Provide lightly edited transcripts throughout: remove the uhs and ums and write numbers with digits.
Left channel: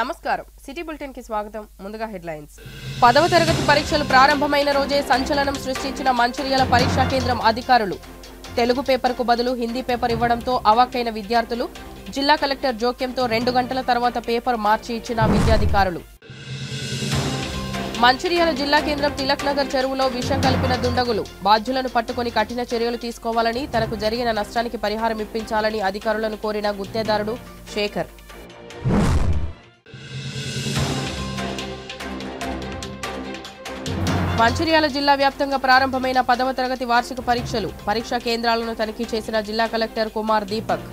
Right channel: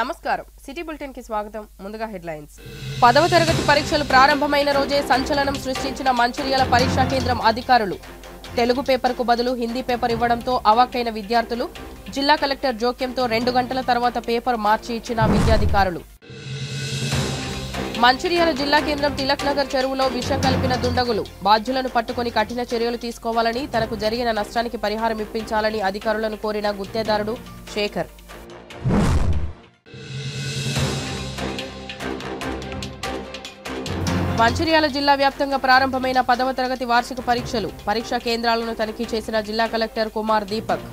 నమస్కారం city bulletin కి స్వాగతం ముందుగా హెడ్లైన్స్ 10వ తరగతి పరీక్షలు ప్రారంభమైన రోజే సంచలనం సృష్టించిన మంచిర్యాల పరీక్షా కేంద్రం అధికారులు తెలుగు పేపర్ కు బదులు హిందీ పేపర్ ఇవ్వడంతో అవాక్కైన విద్యార్థులు జిల్లా కలెక్టర్ జోక్యంతో 2 గంటల తర్వాత పేపర్ మార్చి ఇచ్చిన విద్యాధికారులు మంచిర్యాల జిల్లా కేంద్రం తిలక్ నగర్ చెరువులో విషం కలిపిన దుండగులు బాధ్యులను పట్టుకుని కఠిన చర్యలు తీసుకోవాలని తనకు జరిగిన నష్టానికి పరిహారం ఇప్పించాలని అధికారులను కోరిన గుత్తేదారుడు శేఖర్ మంచిర్యాల జిల్లా వ్యాప్తంగా ప్రారంభమైన 10వ తరగతి వార్షిక పరీక్షలు పరీక్షా కేంద్రాలను తనిఖీ చేసిన జిల్లా కలెక్టర్ కుమార్ దీపక్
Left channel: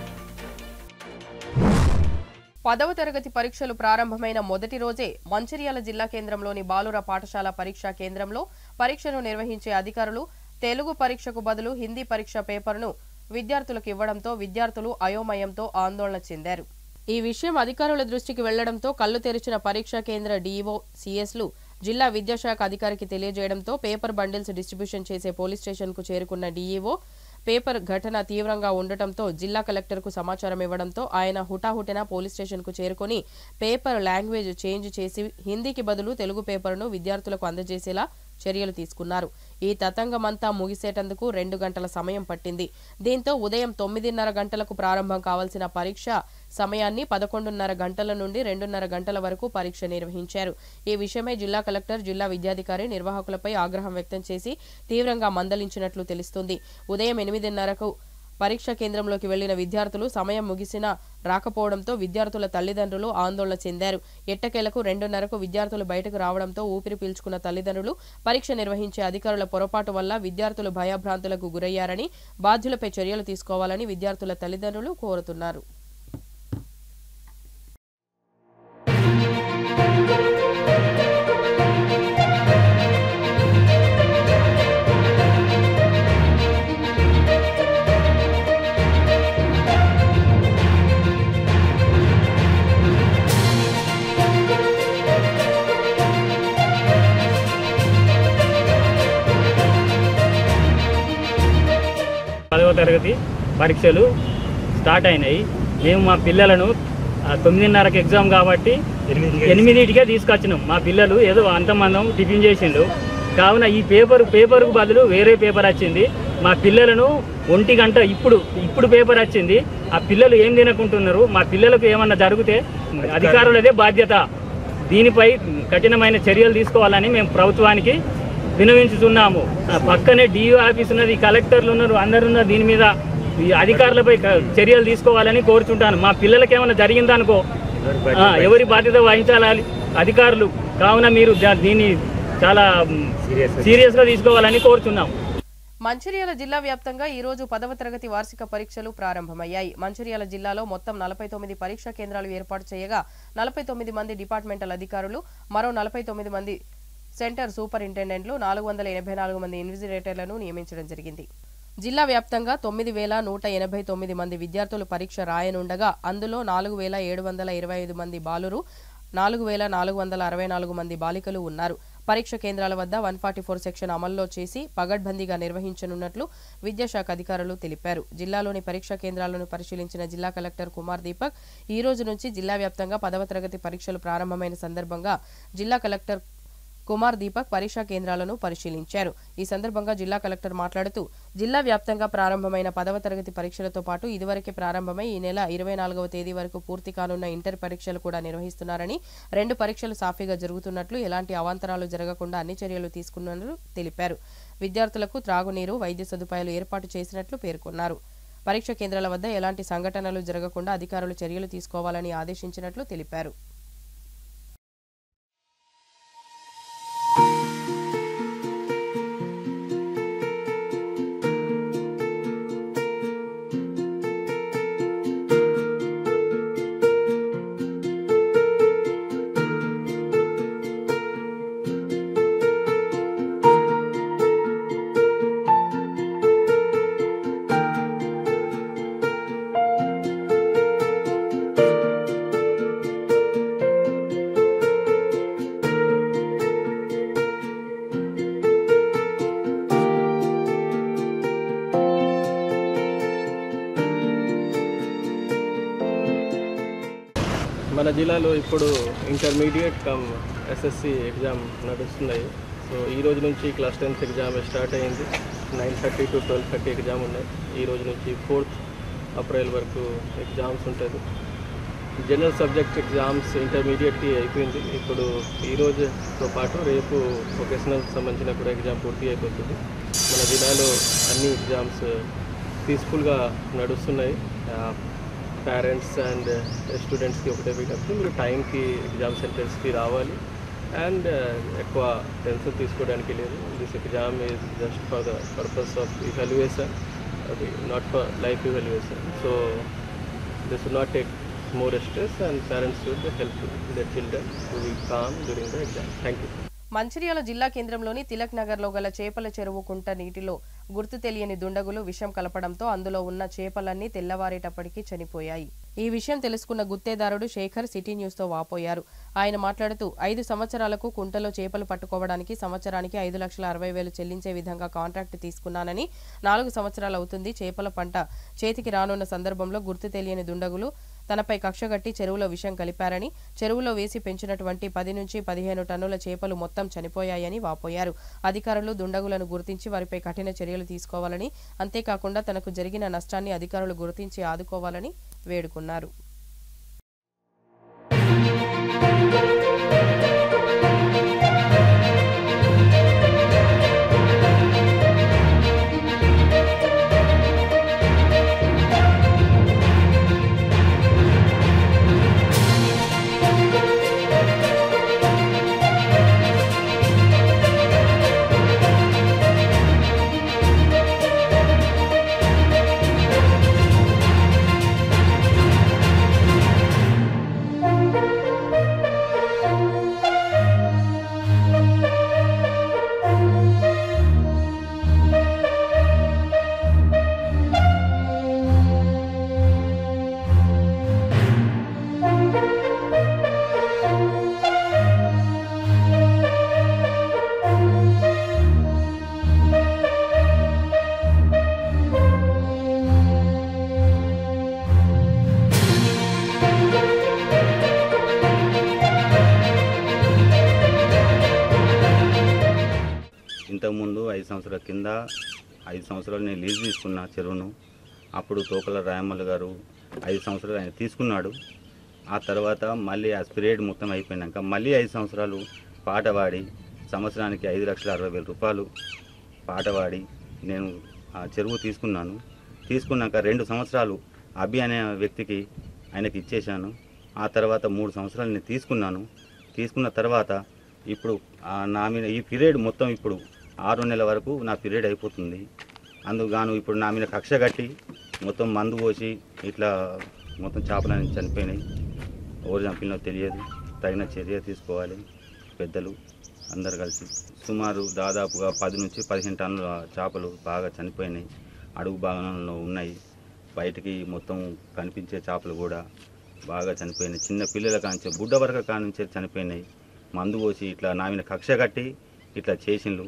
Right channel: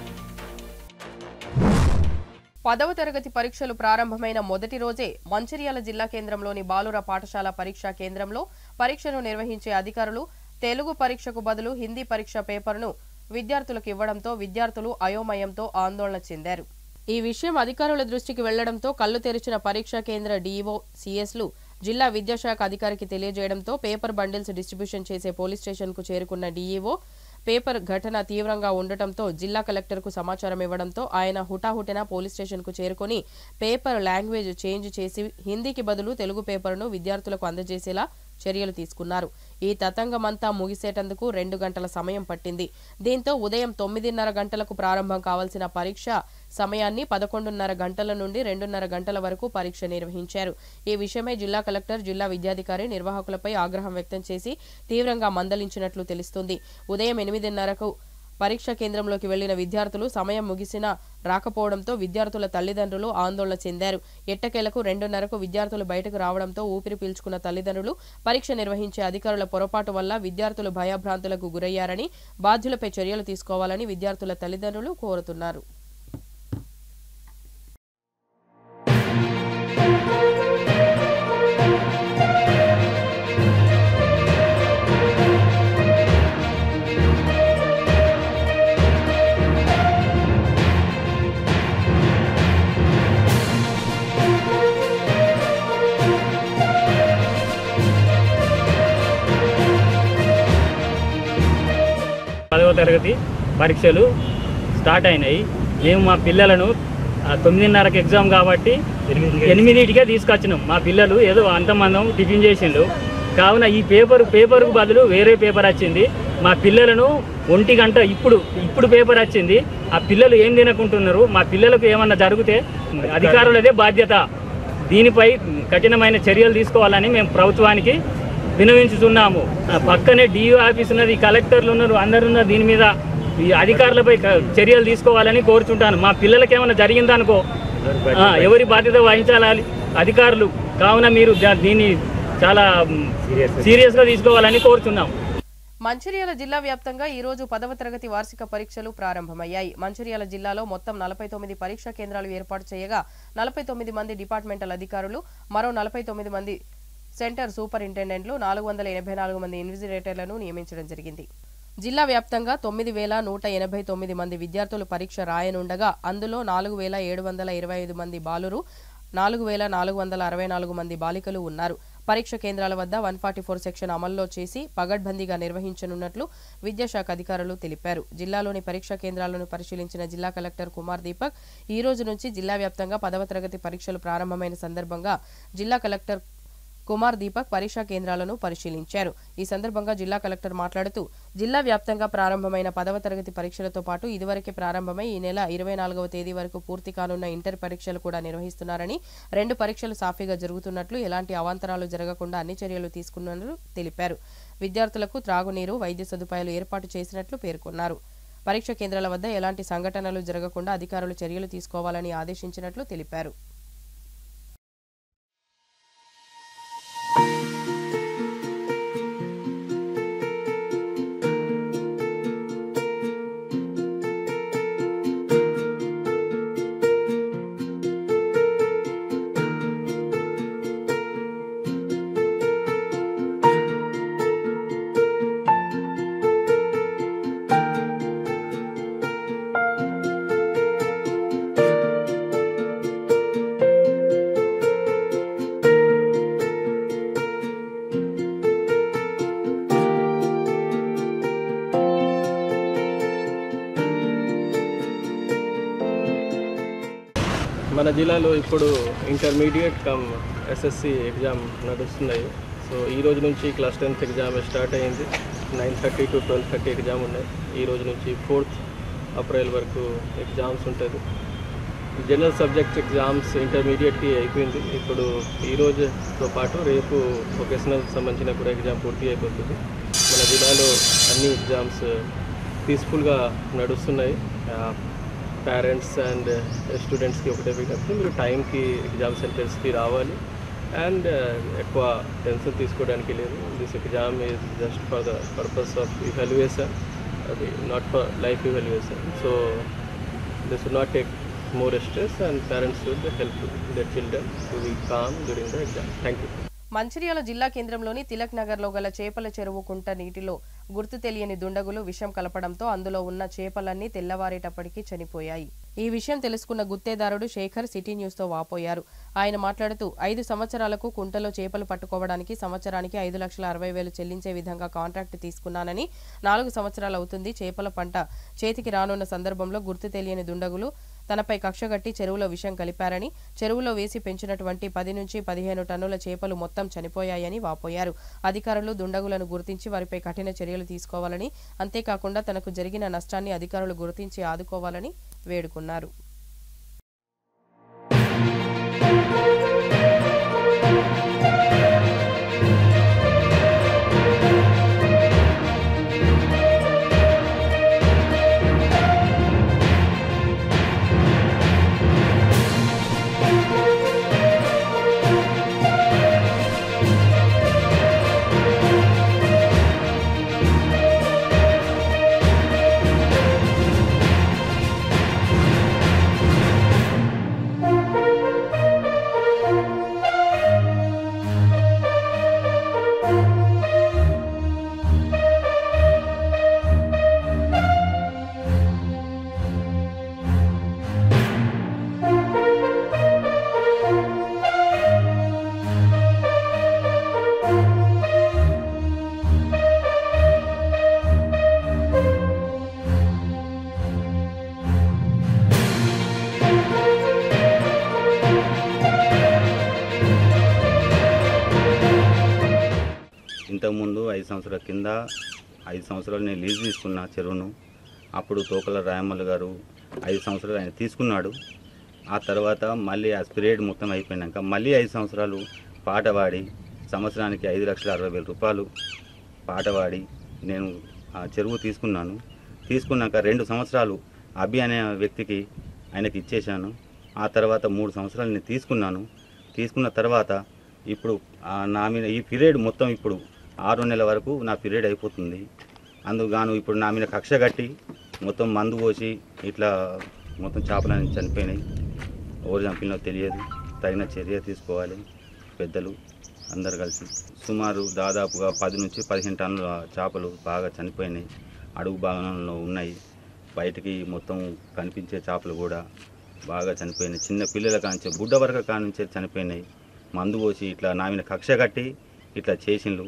10వ తరగతి పరీక్షలు ప్రారంభమైన మొదటి రోజే మంచిర్యాల జిల్లా కేంద్రంలోని బాలుర పాఠశాల పరీక్షా కేంద్రంలో పరీక్షను నిర్వహించే అధికారులు తెలుగు పరీక్షకు బదులు హిందీ పరీక్ష పేపర్ను విద్యార్థులకు ఇవ్వడంతో విద్యార్థులు అయోమయంతో ఆందోళన చెందారు ఈ విషయం అధికారుల దృష్టికి వెళ్లడంతో కళ్లు తెరిచిన పరీక్షా కేంద్ర డీఈఓ సిఎస్లు జిల్లా విద్యాశాఖ అధికారికి తెలియజేయడంతో పేపర్ బండిల్స్ డిస్ట్రిబ్యూషన్ చేసే పోలీస్ స్టేషన్కు చేరుకున్న డీఈఓ పేపర్ ఘటన తీవ్రంగా ఉండటంతో జిల్లా కలెక్టర్కు సమాచారం ఇవ్వడంతో ఆయన హుటాహుటిన పోలీస్ స్టేషన్కు చేరుకుని పేపర్ లాంగ్వేజ్ చేంజ్ చేసి హిందీకి బదులు తెలుగు పేపర్ను విద్యార్థులకు అందజేసేలా చర్యలు తీసుకున్నారు ఈ తతంగమంతా ముగిసేటందుకు 2 గంటల సమయం పట్టింది దీంతో ఉదయం 9:30 గంటలకు ప్రారంభం కావాల్సిన పరీక్ష సమయాన్ని 11:30 గంటల నుండి 2:30 గంటల వరకు పరీక్ష నిర్వహించారు ఈ విషయమై జిల్లా కలెక్టర్ జిల్లా విద్యాధికారి నిర్వాహకులపై ఆగ్రహం వ్యక్తం చేసి తీవ్రంగా మందలించినట్లు తెలుస్తుంది ఉదయం 8:30కు పరీక్షా కేంద్రంలోకి వెళ్లిన విద్యార్థులు సమయం ముగిసినా రాకపోవడంతో విద్యార్థుల తల్లిదండ్రులు ఆందోళన చెందారు ఎట్టకేలకు 2:30కు విద్యార్థులు బయటకు రావడంతో ఊపిరి పీల్చుకున్న తల్లిదండ్రులు పరీక్ష నిర్వహించే అధికారుల పొరపాటు వల్ల విద్యార్థులు భయభ్రాంతులకు గురయ్యారని బాధ్యులపై చర్యలు తీసుకోవాలని విద్యార్థుల తల్లిదండ్రులు కోరుతున్నారు పదవ తరగతి పరీక్షలు స్టార్ట్ అయినాయి మేము మా పిల్లలను 9:30కి ఎగ్జామ్ కాబట్టి 8కే తీసుకొచ్చినాం మా పిల్లలు ఏదో అంతమందం టిఫిన్ చేసిండు కావున ఈ పేపర్కు బదులు వేరే పేపర్ వచ్చింది మా పిల్లలను 1 గంట ఇప్పుడు పేపర్ వచ్చింది ఆ పిల్లలు ఏం తినకుంటున్నారు మా పిల్లలకు ఏమన్నా జరిగితే అధికారులదే బాధ్యత దీనిపై కఠినమైన చర్యలు తీసుకోవాలని మేము ప్రభుత్వానికి వినవించుతున్నాము పక్కనే డిఓ ఆఫీస్ ఉన్నది కలెక్టర్లు ఉన్నారు అందరున్నారు దీని మీద ఈ అధికారులపై చర్యలు తీసుకోవాలని కోరుచుంటాను మా పిల్లలకి ఏమైనా జరిగిందనుకో ఎవరి బాధ్యత వహించాలి అధికారులు కావున మీరు దీన్ని చాలా సీరియస్గా తీసుకోవాలని కోరుచున్నాం మంచిర్యాల జిల్లా వ్యాప్తంగా ఈ రోజు 10వ తరగతి వార్షిక పరీక్షలు ప్రారంభమయ్యాయి మంచిర్యాల జిల్లాలో మొత్తం 49 పరీక్షా కేంద్రాలు ఏర్పాటు చేయగా 49 మంది డిపార్ట్మెంటల్ అధికారులు మరో 49 మంది సెంటర్ సూపరింటెండెంట్లు 484 మంది ఇన్విజిలేటర్లను నియమించడం జరిగింది జిల్లా వ్యాప్తంగా 9189 మంది విద్యార్థులు పరీక్ష రాయనుండగా అందులో 4725 మంది బాలురు 4464 మంది బాలికలు ఉన్నారు పరీక్ష కేంద్రాల వద్ద 144 సెక్షన్ అమల్లో చేసి పగడ్బందీగా నిర్వహించనున్నట్లు విద్యాశాఖ అధికారులు తెలిపారు జిల్లాలోని పరీక్షా కేంద్రాలను పరిశీలించిన జిల్లా కలెక్టర్ కుమార్ దీపక్ ఈ రోజు నుంచి జిల్లా వ్యాప్తంగా 10వ తరగతి పరీక్షలు ప్రారంభమైన సందర్భంగా జిల్లా కలెక్టర్ కుమార్ దీపక్ పరీక్షా కేంద్రాలను పరిశీలించారు ఈ సందర్భంగా జిల్లా కలెక్టర్ మాట్లాడుతూ జిల్లా వ్యాప్తంగా ప్రారంభమైన 10వ తరగతి పరీక్షలతో పాటు ఇదివరకే ప్రారంభమై ఈ నెల 24వ తేదీ వరకు పూర్తి కానున్న ఇంటర్ పరీక్షలు కూడా నిర్వహిస్తున్నారని 2 పరీక్షలు సాఫీగా జరుగుతున్నట్లు ఎలాంటి అవాంతరాలు జరగకుండా అన్ని చర్యలు తీసుకున్నట్లు తెలిపారు విద్యార్థులకు త్రాగునీరు వైద్య సదుపాయాలు ఏర్పాటు చేసినట్లు పేర్కొన్నారు పరీక్ష కేంద్రాల వద్ద ఎలాంటి సంఘటనలు జరగకుండా అధికారులు చర్యలు తీసుకోవాలని ఆదేశించినట్లు తెలిపారు మన జిల్లాలో ఇప్పుడు ఇంటర్మీడియట్ కమ్ ఎస్ఎస్సి ఎగ్జామ్ నడుస్తున్నాయి. సో ఈ రోజు నుంచి క్లాస్ 10th ఎగ్జామ్ స్టార్ట్ అయింది. 9:30 to 12:30 ఎగ్జామ్ ఉన్నాయి. ఈ రోజు నుంచి 4th ఏప్రిల్ వరకు ఎగ్జామ్స్ ఉంటుంది. జనరల్ సబ్జెక్ట్ ఎగ్జామ్స్ ఇంటర్మీడియట్కి అయిపోయింది. ఇప్పుడు ఈ రోజుతో పాటు రేపు వొకేషనల్ సంబంధించిన కూడా ఎగ్జామ్ పూర్తి అయిపోతుంది. మన జిల్లాలో అన్ని ఎగ్జామ్స్ పీస్ఫుల్గా నడుస్తున్నాయి. పేరెంట్స్ అండ్ స్టూడెంట్స్కి ఒకటే విజ్ఞప్తి, మీరు టైంకి ఎగ్జామ్ సెంటర్స్కి రావాలి అండ్ ఎక్కువ టెన్షన్ తీసుకోవడానికి లేదు. This exam is just for the purpose of evaluation, not for life evaluation. So this will not take more stress and parents should help their children to be calm during the exam. Thank you. Mancherial జిల్లా కేంద్రంలోని తిలక్ నగర్లో గల చేపల చెరువు కుంట నీటిలో గుర్తు తెలియని దుండగులు విషం కలపడంతో అందులో ఉన్న చేపలన్నీ తెల్లవారేటప్పటికీ చనిపోయాయి. ఈ విషయం తెలుసుకున్న గుత్తేదారుడు శేఖర్ సిటీ న్యూస్ తో వాపోయారు. ఆయన మాట్లాడుతూ 5 సంవత్సరాలకు కుంటలో చేపలు పట్టుకోవడానికి సంవత్సరానికి 5,60,000 చెల్లించే విధంగా కాంట్రాక్ట్ తీసుకున్నానని, 4 సంవత్సరాలు అవుతుంది చేపల పంట చేతికి రానున్న సందర్భంలో గుర్తు తెలియని దుండగులు తనపై కక్షగట్టి చెరువులో విషం కలిపారని, చెరువులో వేసి పెంచినటువంటి 10 నుంచి 15 టన్నుల చేపలు మొత్తం చనిపోయాయని వాపోయారు. అధికారులు దుండగులను గుర్తించి వారిపై కఠిన చర్యలు తీసుకోవాలని, అంతేకాకుండా తనకు జరిగిన నష్టాన్ని అధికారులు గుర్తించి ఆదుకోవాలని వేడుకున్నారు. ఇంతకుముందు 5 సంవత్సరాల కింద 5 సంవత్సరాలు నేను లీజ్ తీసుకున్నా చెరువును. అప్పుడు తోకల రాయమల్లు గారు 5 సంవత్సరాలు ఆయన తీసుకున్నాడు. ఆ తర్వాత మళ్ళీ ఆ పీరియడ్ మొత్తం అయిపోయినాక మళ్ళీ 5 సంవత్సరాలు పాట పాడి సంవత్సరానికి 5,60,000 రూపాయలు పాట పాడి నేను ఆ చెరువు తీసుకున్నాను. తీసుకున్నాక 2 సంవత్సరాలు అభి అనే వ్యక్తికి ఆయనకి ఇచ్చేశాను. ఆ తర్వాత 3 సంవత్సరాలు నేను తీసుకున్నాను. తీసుకున్న తర్వాత ఇప్పుడు నా మీద ఈ పీరియడ్ మొత్తం ఇప్పుడు 6 నెలల వరకు నా పీరియడ్ అయిపోతుంది. అందుకుగాను ఇప్పుడు నా మీద కక్ష కట్టి మొత్తం మందు పోసి ఇట్లా మొత్తం చేపలని చనిపోయినాయి. ఎవరు చంపినో తెలియదు. తగిన చర్య తీసుకోవాలి పెద్దలు అందరు కలిసి. సుమారు దాదాపుగా 10 నుంచి 15 టన్నుల చేపలు బాగా చనిపోయినాయి. అడుగు భాగంలో ఉన్నాయి. బయటికి మొత్తం కనిపించే చేపలు కూడా బాగా చనిపోయినాయి. చిన్న పిల్లల కాంచి బుడ్డ వరకు కానించే చనిపోయినాయి. మందు పోసి ఇట్లా నా మీద కక్ష కట్టి ఇట్లా చేసిండ్రు.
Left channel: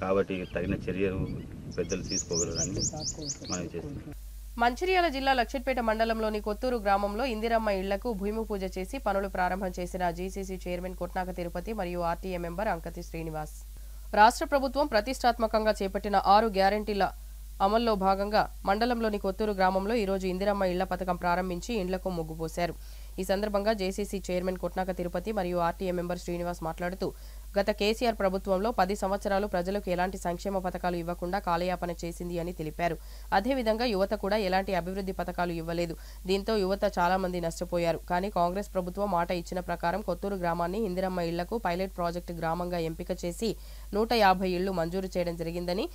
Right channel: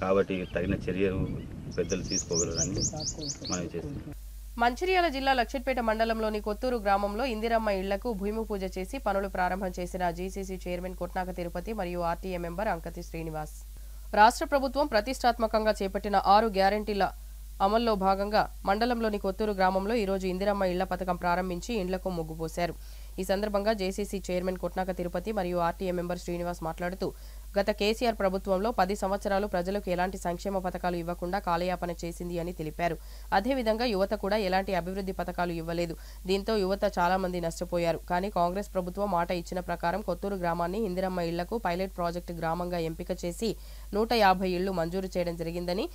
కాబట్టి తగిన చర్యలు పెద్దలు తీసుకోగలరని మనం చేస్తున్నాం. మంచిర్యాల జిల్లా లక్షెట్పేట మండలంలోని కొత్తూరు గ్రామంలో ఇందిరమ్మ ఇళ్లకు భూమి పూజ చేసి పనులు ప్రారంభం చేసిన జీసీసీ చైర్మన్ కొట్నాక తిరుపతి మరియు ఆర్టీఏ మెంబర్ అంకతి శ్రీనివాస్. రాష్ట్ర ప్రభుత్వం ప్రతిష్టాత్మకంగా చేపట్టిన 6 గ్యారెంటీల అమల్లో భాగంగా మండలంలోని కొత్తూరు గ్రామంలో ఈరోజు ఇందిరమ్మ ఇళ్ల పథకం ప్రారంభించి ఇండ్లకు ముగ్గుపోశారు. ఈ సందర్భంగా జేసీసీ చైర్మన్ కొట్నాక తిరుపతి మరియు ఆర్టీఏ మెంబర్ శ్రీనివాస్ మాట్లాడుతూ గత కేసీఆర్ ప్రభుత్వంలో 10 సంవత్సరాలు ప్రజలకు ఎలాంటి సంక్షేమ పథకాలు ఇవ్వకుండా కాలయాపన చేసింది అని తెలిపారు. అదేవిధంగా యువత కూడా ఎలాంటి అభివృద్ధి పథకాలు ఇవ్వలేదు. దీంతో యువత చాలా మంది నష్టపోయారు. కానీ కాంగ్రెస్ ప్రభుత్వం మాట ఇచ్చిన ప్రకారం కొత్తూరు గ్రామాన్ని ఇందిరమ్మ ఇళ్లకు పైలట్ ప్రాజెక్టు గ్రామంగా ఎంపిక చేసి 150 ఇళ్లు మంజూరు చేయడం జరిగిందని,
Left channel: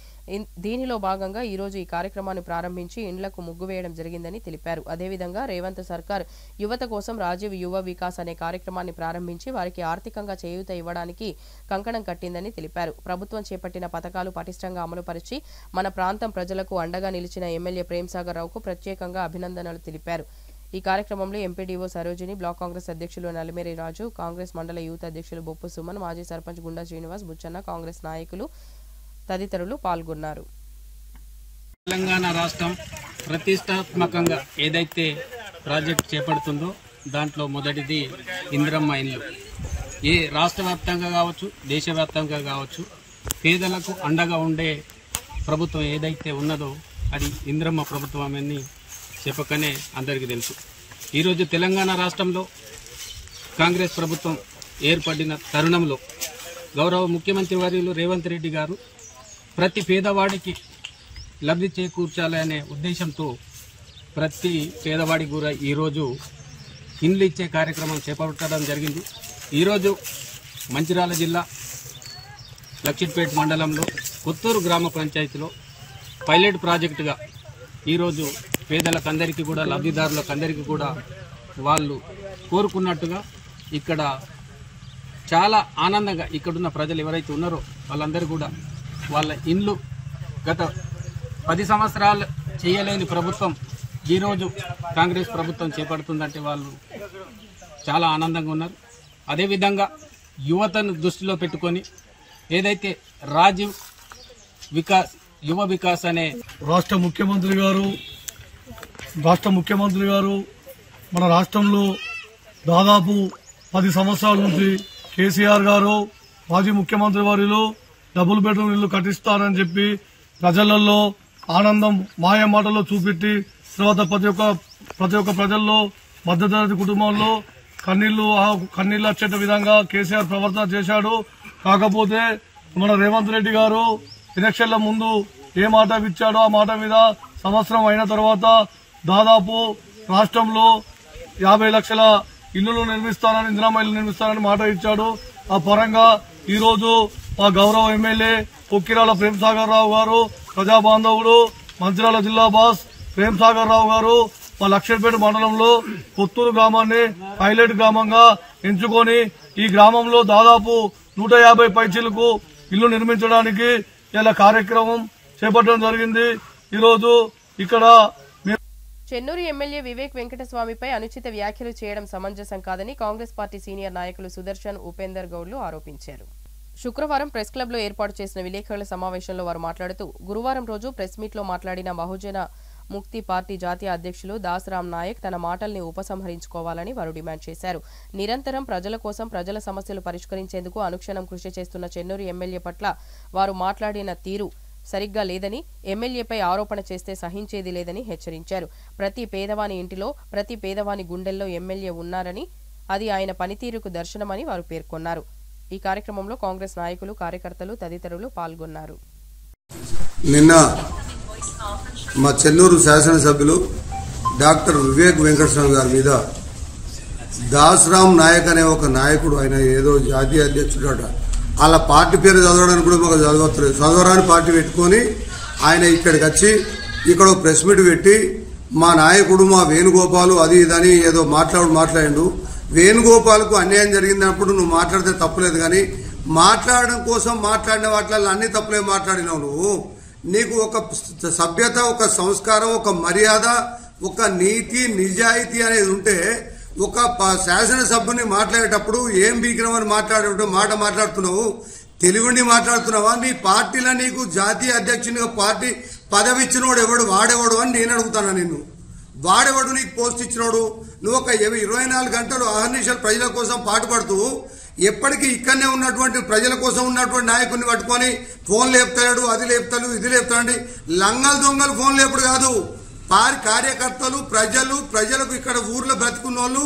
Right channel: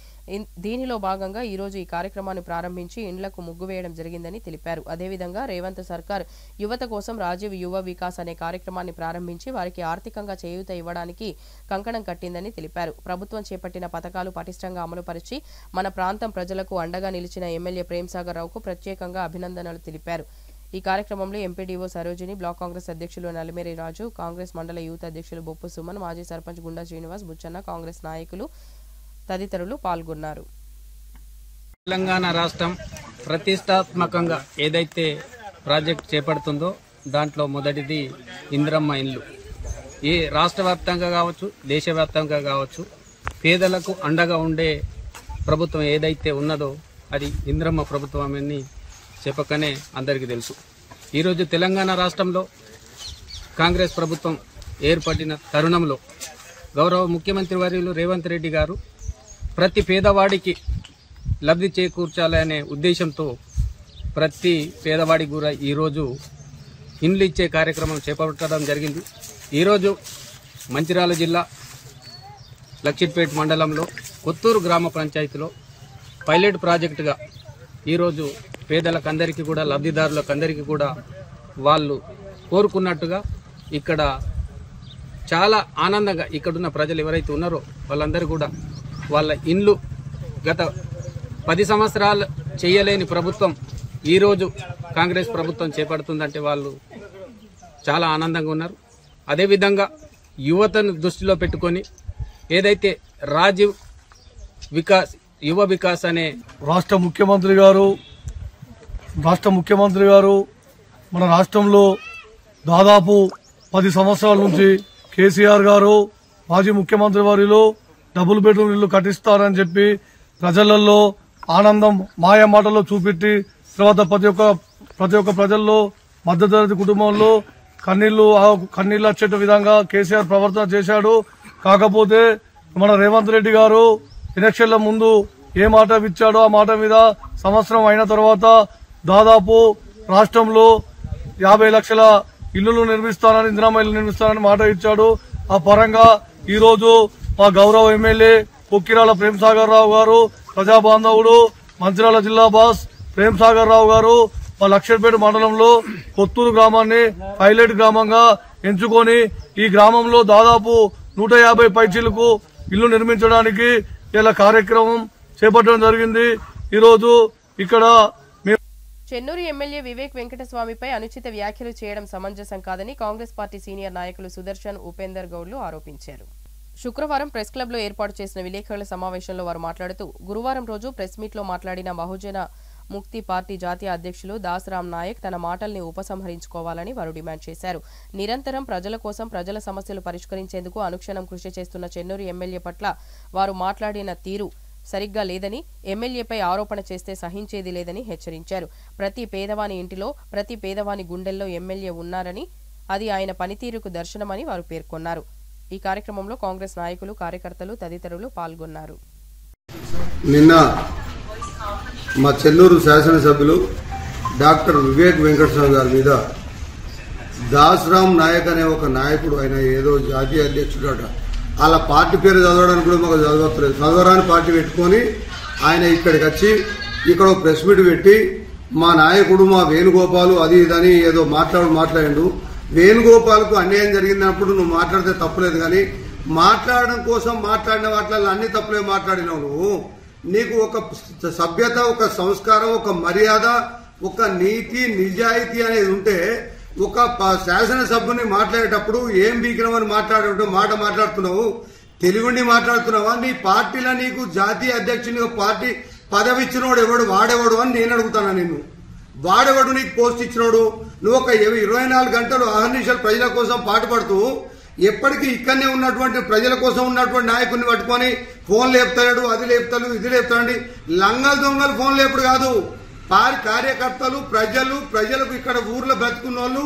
దీనిలో భాగంగా ఈరోజు ఈ కార్యక్రమాన్ని ప్రారంభించి ఇండ్లకు ముగ్గు వేయడం జరిగిందని తెలిపారు. అదేవిధంగా రేవంత్ సర్కార్ యువత కోసం రాజీవ్ యువ వికాస్ అనే కార్యక్రమాన్ని ప్రారంభించి వారికి ఆర్థికంగా చేయూత ఇవ్వడానికి కంకణం కట్టిందని తెలిపారు. ప్రభుత్వం చేపట్టిన పథకాలు పటిష్టంగా అమలుపరిచి మన ప్రాంతం ప్రజలకు అండగా నిలిచిన ఎమ్మెల్యే ప్రేమ్సాగర్ రావుకు ప్రత్యేకంగా అభినందనలు తెలిపారు. ఈ కార్యక్రమంలో ఎంపీడీఓ సరోజిని, బ్లాక్ కాంగ్రెస్ అధ్యక్షులు నలిమేరి రాజు, కాంగ్రెస్ మండల యూత్ అధ్యక్షులు బొప్పు సుమన్, మాజీ సర్పంచ్ గుండా శ్రీనివాస్, బుచ్చన్న, కాంగ్రెస్ నాయకులు తదితరులు పాల్గొన్నారు. తెలంగాణ రాష్ట్రం ప్రతిష్టాత్మకంగా ఏదైతే ప్రాజెక్ట్ చేపడుతుందో దాంట్లో మొదటిది ఇందిరమ్మ ఇండ్లు. ఏ రాష్ట్ర వ్యాప్తంగా కావచ్చు, దేశవ్యాప్తంగా కావచ్చు, పేదలకు అండగా ఉండే ప్రభుత్వం ఏదైతే ఉన్నదో అది ఇందిరమ్మ ప్రభుత్వం అని చెప్పకనే అందరికీ తెలుసు. ఈరోజు తెలంగాణ రాష్ట్రంలో కాంగ్రెస్ ప్రభుత్వం ఏర్పడిన తరుణంలో గౌరవ ముఖ్యమంత్రి వర్యులు రేవంత్ రెడ్డి గారు ప్రతి పేదవాడికి లబ్ధి చేకూర్చాలనే ఉద్దేశంతో ప్రతి పేదవాడికి కూడా ఈరోజు ఇండ్లు ఇచ్చే కార్యక్రమం చేపట్టడం జరిగింది. ఈరోజు మంచిర్యాల జిల్లా లక్షిట్పేట మండలంలో కొత్తూరు గ్రామ పంచాయతీలో పైలట్ ప్రాజెక్టుగా ఈరోజు పేదలకందరికీ కూడా, లబ్ధిదారులకందరికీ కూడా వాళ్ళు కోరుకున్నట్టుగా ఇక్కడ చాలా ఆనందంగా ఇక్కడున్న ప్రజలు ఎవరైతే ఉన్నారో వాళ్ళందరూ కూడా వాళ్ళ ఇండ్లు గత 10 సంవత్సరాలు చేయలేని ప్రభుత్వం ఈరోజు కాంగ్రెస్ ప్రభుత్వం చేపడుతుందంటే వాళ్ళు చాలా ఆనందంగా ఉన్నారు. అదేవిధంగా యువతను దృష్టిలో పెట్టుకొని ఏదైతే రాజీవ్ వికాస్, యువ వికాస్ అనే రాష్ట్ర ముఖ్యమంత్రి గారు మన రాష్ట్రంలో దాదాపు 10 సంవత్సరాల నుంచి కేసీఆర్ గారు మాజీ ముఖ్యమంత్రి వారిలో డబుల్ బెడ్రూమ్ ఇల్లు కట్టిస్తారని చెప్పి ప్రజలలో ఆనందం మాయ మాటల్లో చూపెట్టి తర్వాత ప్రతి ఒక్క ప్రజల్లో మధ్యతరగతి కుటుంబంలో కన్నీళ్లు వచ్చేట విధంగా కేసీఆర్ ప్రవర్తన చేశాడు. కాకపోతే మన రేవంత్ రెడ్డి గారు ఎలక్షన్ల ముందు ఏ మాట ఇచ్చాడో ఆ మాట మీద సంవత్సరం అయిన తర్వాత దాదాపు రాష్ట్రంలో 50 లక్షల ఇళ్లు నిర్మిస్తానని, ఇందిరమ్మ ఇల్లు నిర్మిస్తానని మాట ఇచ్చాడు. ఆ పరంగా ఈ రోజు మా గౌరవ ఎమ్మెల్యే పొక్కిరాల ప్రేమ్సాగర్ రావు గారు, ప్రజాబాంధవుడు, మంచిర్యాల జిల్లా బాస్ ప్రేమ్సాగర్ రావు గారు మా లక్షట్పేట మండలంలో కొత్తూరు గ్రామాన్ని పైలట్ గ్రామంగా ఎంచుకొని ఈ గ్రామంలో దాదాపు 150 పైచీలకు ఇల్లు నిర్మించడానికి ఇలా కార్యక్రమం చేపట్టడం జరిగింది. ఈరోజు ఇక్కడ చెన్నూరు ఎమ్మెల్యే వివేక్ వెంకటస్వామిపై అనుచిత వ్యాఖ్యలు చేయడం సమంజసం కాదని కాంగ్రెస్ పార్టీ సీనియర్ నాయకులు సుదర్శన్, ఉపేందర్ గౌడ్లు ఆరోపించారు. శుక్రవారం ప్రెస్ క్లబ్లో ఏర్పాటు చేసిన విలేకరుల సమావేశంలో వారు మాట్లాడుతూ గురువారం రోజు ప్రెస్ మీట్లో మాట్లాడిన బహుజన ముక్తి పార్టీ జాతీయ అధ్యక్షులు దాసరాం నాయక్ తన మాటల్ని ఉపసంహరించుకోవాలని వారు డిమాండ్ చేశారు. నిరంతరం ప్రజల కోసం, ప్రజల సమస్యలు పరిష్కరించేందుకు అనుక్షణం కృషి చేస్తున్న చెన్నూరు ఎమ్మెల్యే పట్ల వారు మాట్లాడిన తీరు సరిగ్గా లేదని, ఎమ్మెల్యేపై ఆరోపణ చేస్తే సహించేది లేదని హెచ్చరించారు. ప్రతి పేదవాని ఇంటిలో, ప్రతి పేదవాని గుండెల్లో ఎమ్మెల్యే ఉన్నారని, అది ఆయన పనితీరుకు దర్శనమని వారు పేర్కొన్నారు. ఈ కార్యక్రమంలో కాంగ్రెస్ నాయకులు, కార్యకర్తలు తదితరులు పాల్గొన్నారు. నిన్న మా చెన్నూరు శాసనసభ్యులు డాక్టర్ వివేక్ వెంకటస్వామి గారి మీద దాసరాం నాయక్ అనే ఒక నాయకుడు, ఆయన ఏదో జాతీయ అధ్యక్షుడు అట, వాళ్ళ పార్టీ పేరు చదవడానికి కూడా మాకు చదవట్లేదు, చదవరాని పార్టీ పెట్టుకుని ఆయన ఇక్కడికి వచ్చి ఇక్కడ ప్రెస్ మీట్ పెట్టి మా నాయకుడు మా వేణుగోపాలు అది ఇదని ఏదో మాట్లాడిండు. వేణుగోపాల్కు అన్యాయం జరిగినప్పుడు నువ్వు మాట్లాడితే తప్పులేదు, కానీ మాట్లాడడం కోసం మాట్లాడిన వాటిల్లో అన్ని తప్పులే మాట్లాడినావు నువ్వు. నీకు ఒక సభ్యత, ఒక సంస్కారం, ఒక మర్యాద, ఒక నీతి, నిజాయితీ అనేది ఉంటే ఒక శాసనసభ్యుని మాట్లాడేటప్పుడు ఏం బీకినవని మాట మాట్లాడుతున్నావు, తెలుగుని మాట్లాడుతున్నావా? నీ పార్టీలో నీకు జాతీయ అధ్యక్షునిగా పార్టీ పదవి ఇచ్చినోడు ఎవడు, వాడేవాడు అని నేను అడుగుతాను. నిన్ను వాడేవాడు నీకు పోస్ట్ ఇచ్చినోడు? నువ్వు ఒక 24 గంటలు అహర్నిశలు ప్రజల కోసం పాటుపడుతూ ఎప్పటికీ ఇక్కడనే ఉన్నటువంటి ప్రజల కోసం ఉన్నటువంటి నాయకుడిని పట్టుకొని ఫోన్ లేపుతాడు, అది లేపుతాడు, ఇది లేపుతాడు. లంగలు దొంగలు ఫోన్ లేపుడు కాదు, కార్యకర్తలు, ప్రజలకు ఇక్కడ ఊర్లో బ్రతుకున్న వాళ్ళు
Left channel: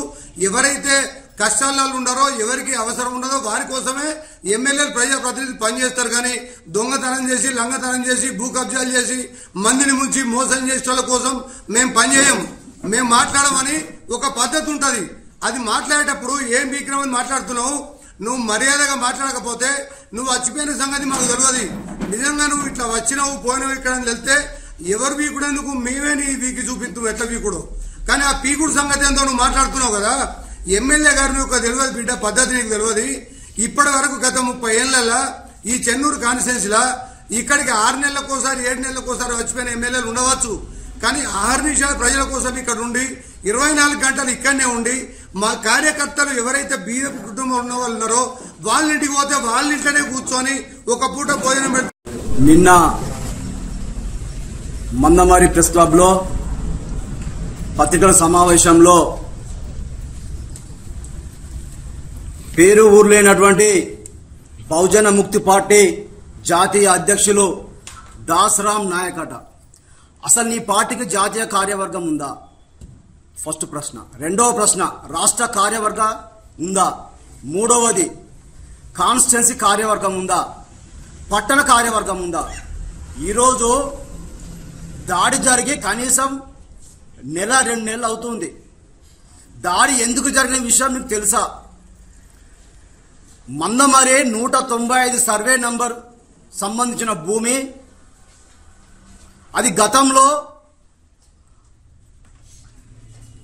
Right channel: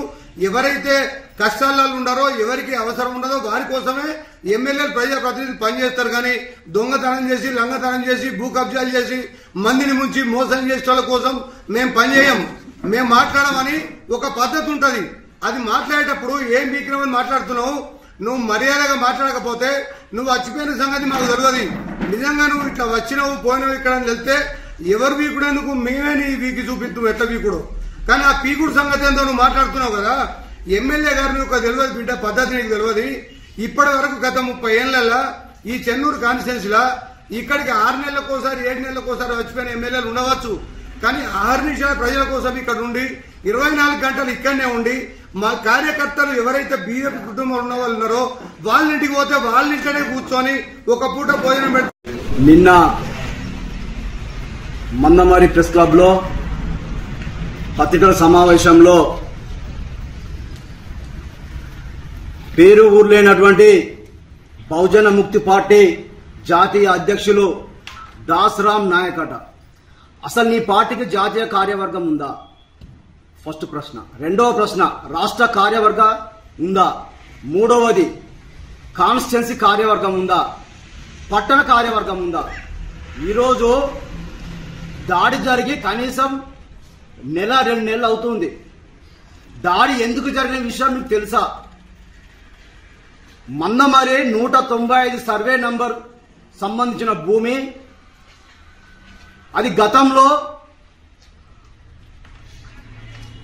ఎవరైతే కష్టాల్లో ఉన్నారో, ఎవరికి అవసరం ఉన్నదో వారి కోసమే ఎమ్మెల్యేలు, ప్రజాప్రతినిధులు పనిచేస్తారు. కానీ దొంగతనం చేసి, లంగతనం చేసి, భూ కబ్జాలు చేసి, మందిని ముంచి మోసం చేసే వాళ్ళ కోసం మేము పనిచేయం. మేము మాట్లాడమని ఒక పద్ధతి ఉంటది. అది మాట్లాడేటప్పుడు ఏం బీకినామని మాట్లాడుతున్నావు. నువ్వు మర్యాదగా మాట్లాడకపోతే నువ్వు వచ్చిపోయిన సంగతి మాకు తెలియదు. నిజంగా నువ్వు ఇట్లా వచ్చినావు, పోయినావు ఇక్కడ అని వెళ్తే ఎవరు వీకుడేందుకు మేమే నీ వీకి చూపిస్తావు ఎట్లా వీకుడు. కానీ ఆ పీకుడు సంగతి ఏందో నువ్వు మాట్లాడుతున్నావు కదా. ఎమ్మెల్యే గారు నీకు తెలియదు బిడ్డ, పద్ధతి నీకు తెలియదు. ఇప్పటి వరకు గత 30 ఏళ్లలో ఈ చెన్నూరు కాన్స్టిట్యున్సీలా ఇక్కడికి 6 నెలలకోసారి 7 నెలలకోసారి వచ్చిపోయిన ఎమ్మెల్యేలు ఉండవచ్చు. కానీ 6 నిమిషాల ప్రజల కోసం ఇక్కడ ఉండి 24 గంటలు ఇక్కడనే ఉండి మా కార్యకర్తలు ఎవరైతే బీజేపీ కుటుంబంలో ఉన్న వాళ్ళు ఉన్నారో వాళ్ళ ఇంటికి పోతే వాళ్ళ ఇంట్లోనే కూర్చొని ఒక పూట భోజనం పెట్టి నిన్న మందమారి ప్రెస్ క్లబ్ లో పత్రికల సమావేశంలో పేరు ఊరు లేనటువంటి బహుజన ముక్తి పార్టీ జాతీయ అధ్యక్షులు దాసరామ్ నాయక్ అట. అసలు నీ పార్టీకి జాతీయ కార్యవర్గం ఉందా? ఫస్ట్ ప్రశ్న. రెండవ ప్రశ్న, రాష్ట్ర కార్యవర్గ ఉందా? మూడవది, కాన్స్టిట్యున్సీ కార్యవర్గం ఉందా? పట్టణ కార్యవర్గం ఉందా? ఈరోజు దాడి జరిగి కనీసం నెల 2 నెలలు అవుతుంది. దాడి ఎందుకు జరిగిన విషయం మీకు తెలుసా? మందమరి 195 సర్వే నంబర్ సంబంధించిన భూమి, అది గతంలో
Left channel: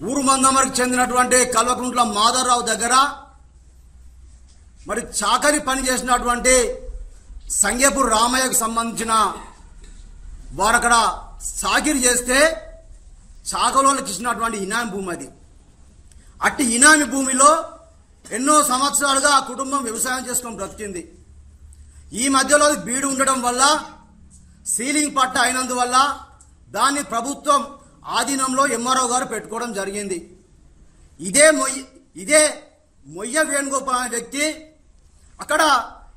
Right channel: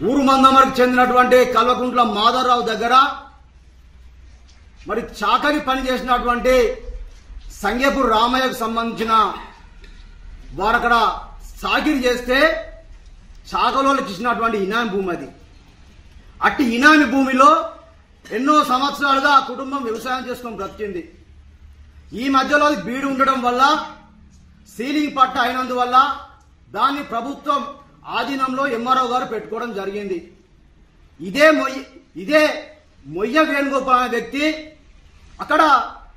ఊరు మందమరికి చెందినటువంటి కల్వకుంట్ల మాధవరావు దగ్గర మరి చాకరీ పని చేసినటువంటి సంగేపూర్ రామయ్యకు సంబంధించిన వారు అక్కడ సాగిరి చేస్తే చాకలోళ్ళకి ఇచ్చినటువంటి ఇనామి భూమి అది. అట్టి ఇనామి భూమిలో ఎన్నో సంవత్సరాలుగా ఆ కుటుంబం వ్యవసాయం చేసుకొని బ్రతికింది. ఈ మధ్యలో బీడు ఉండడం వల్ల, సీలింగ్ పట్ట అయినందువల్ల దాన్ని ప్రభుత్వం ఆధీనంలో ఎంఆర్ఓ గారు పెట్టుకోవడం జరిగింది. ఇదే మొయ్య వేణుగోపాల్ అనే వ్యక్తి అక్కడ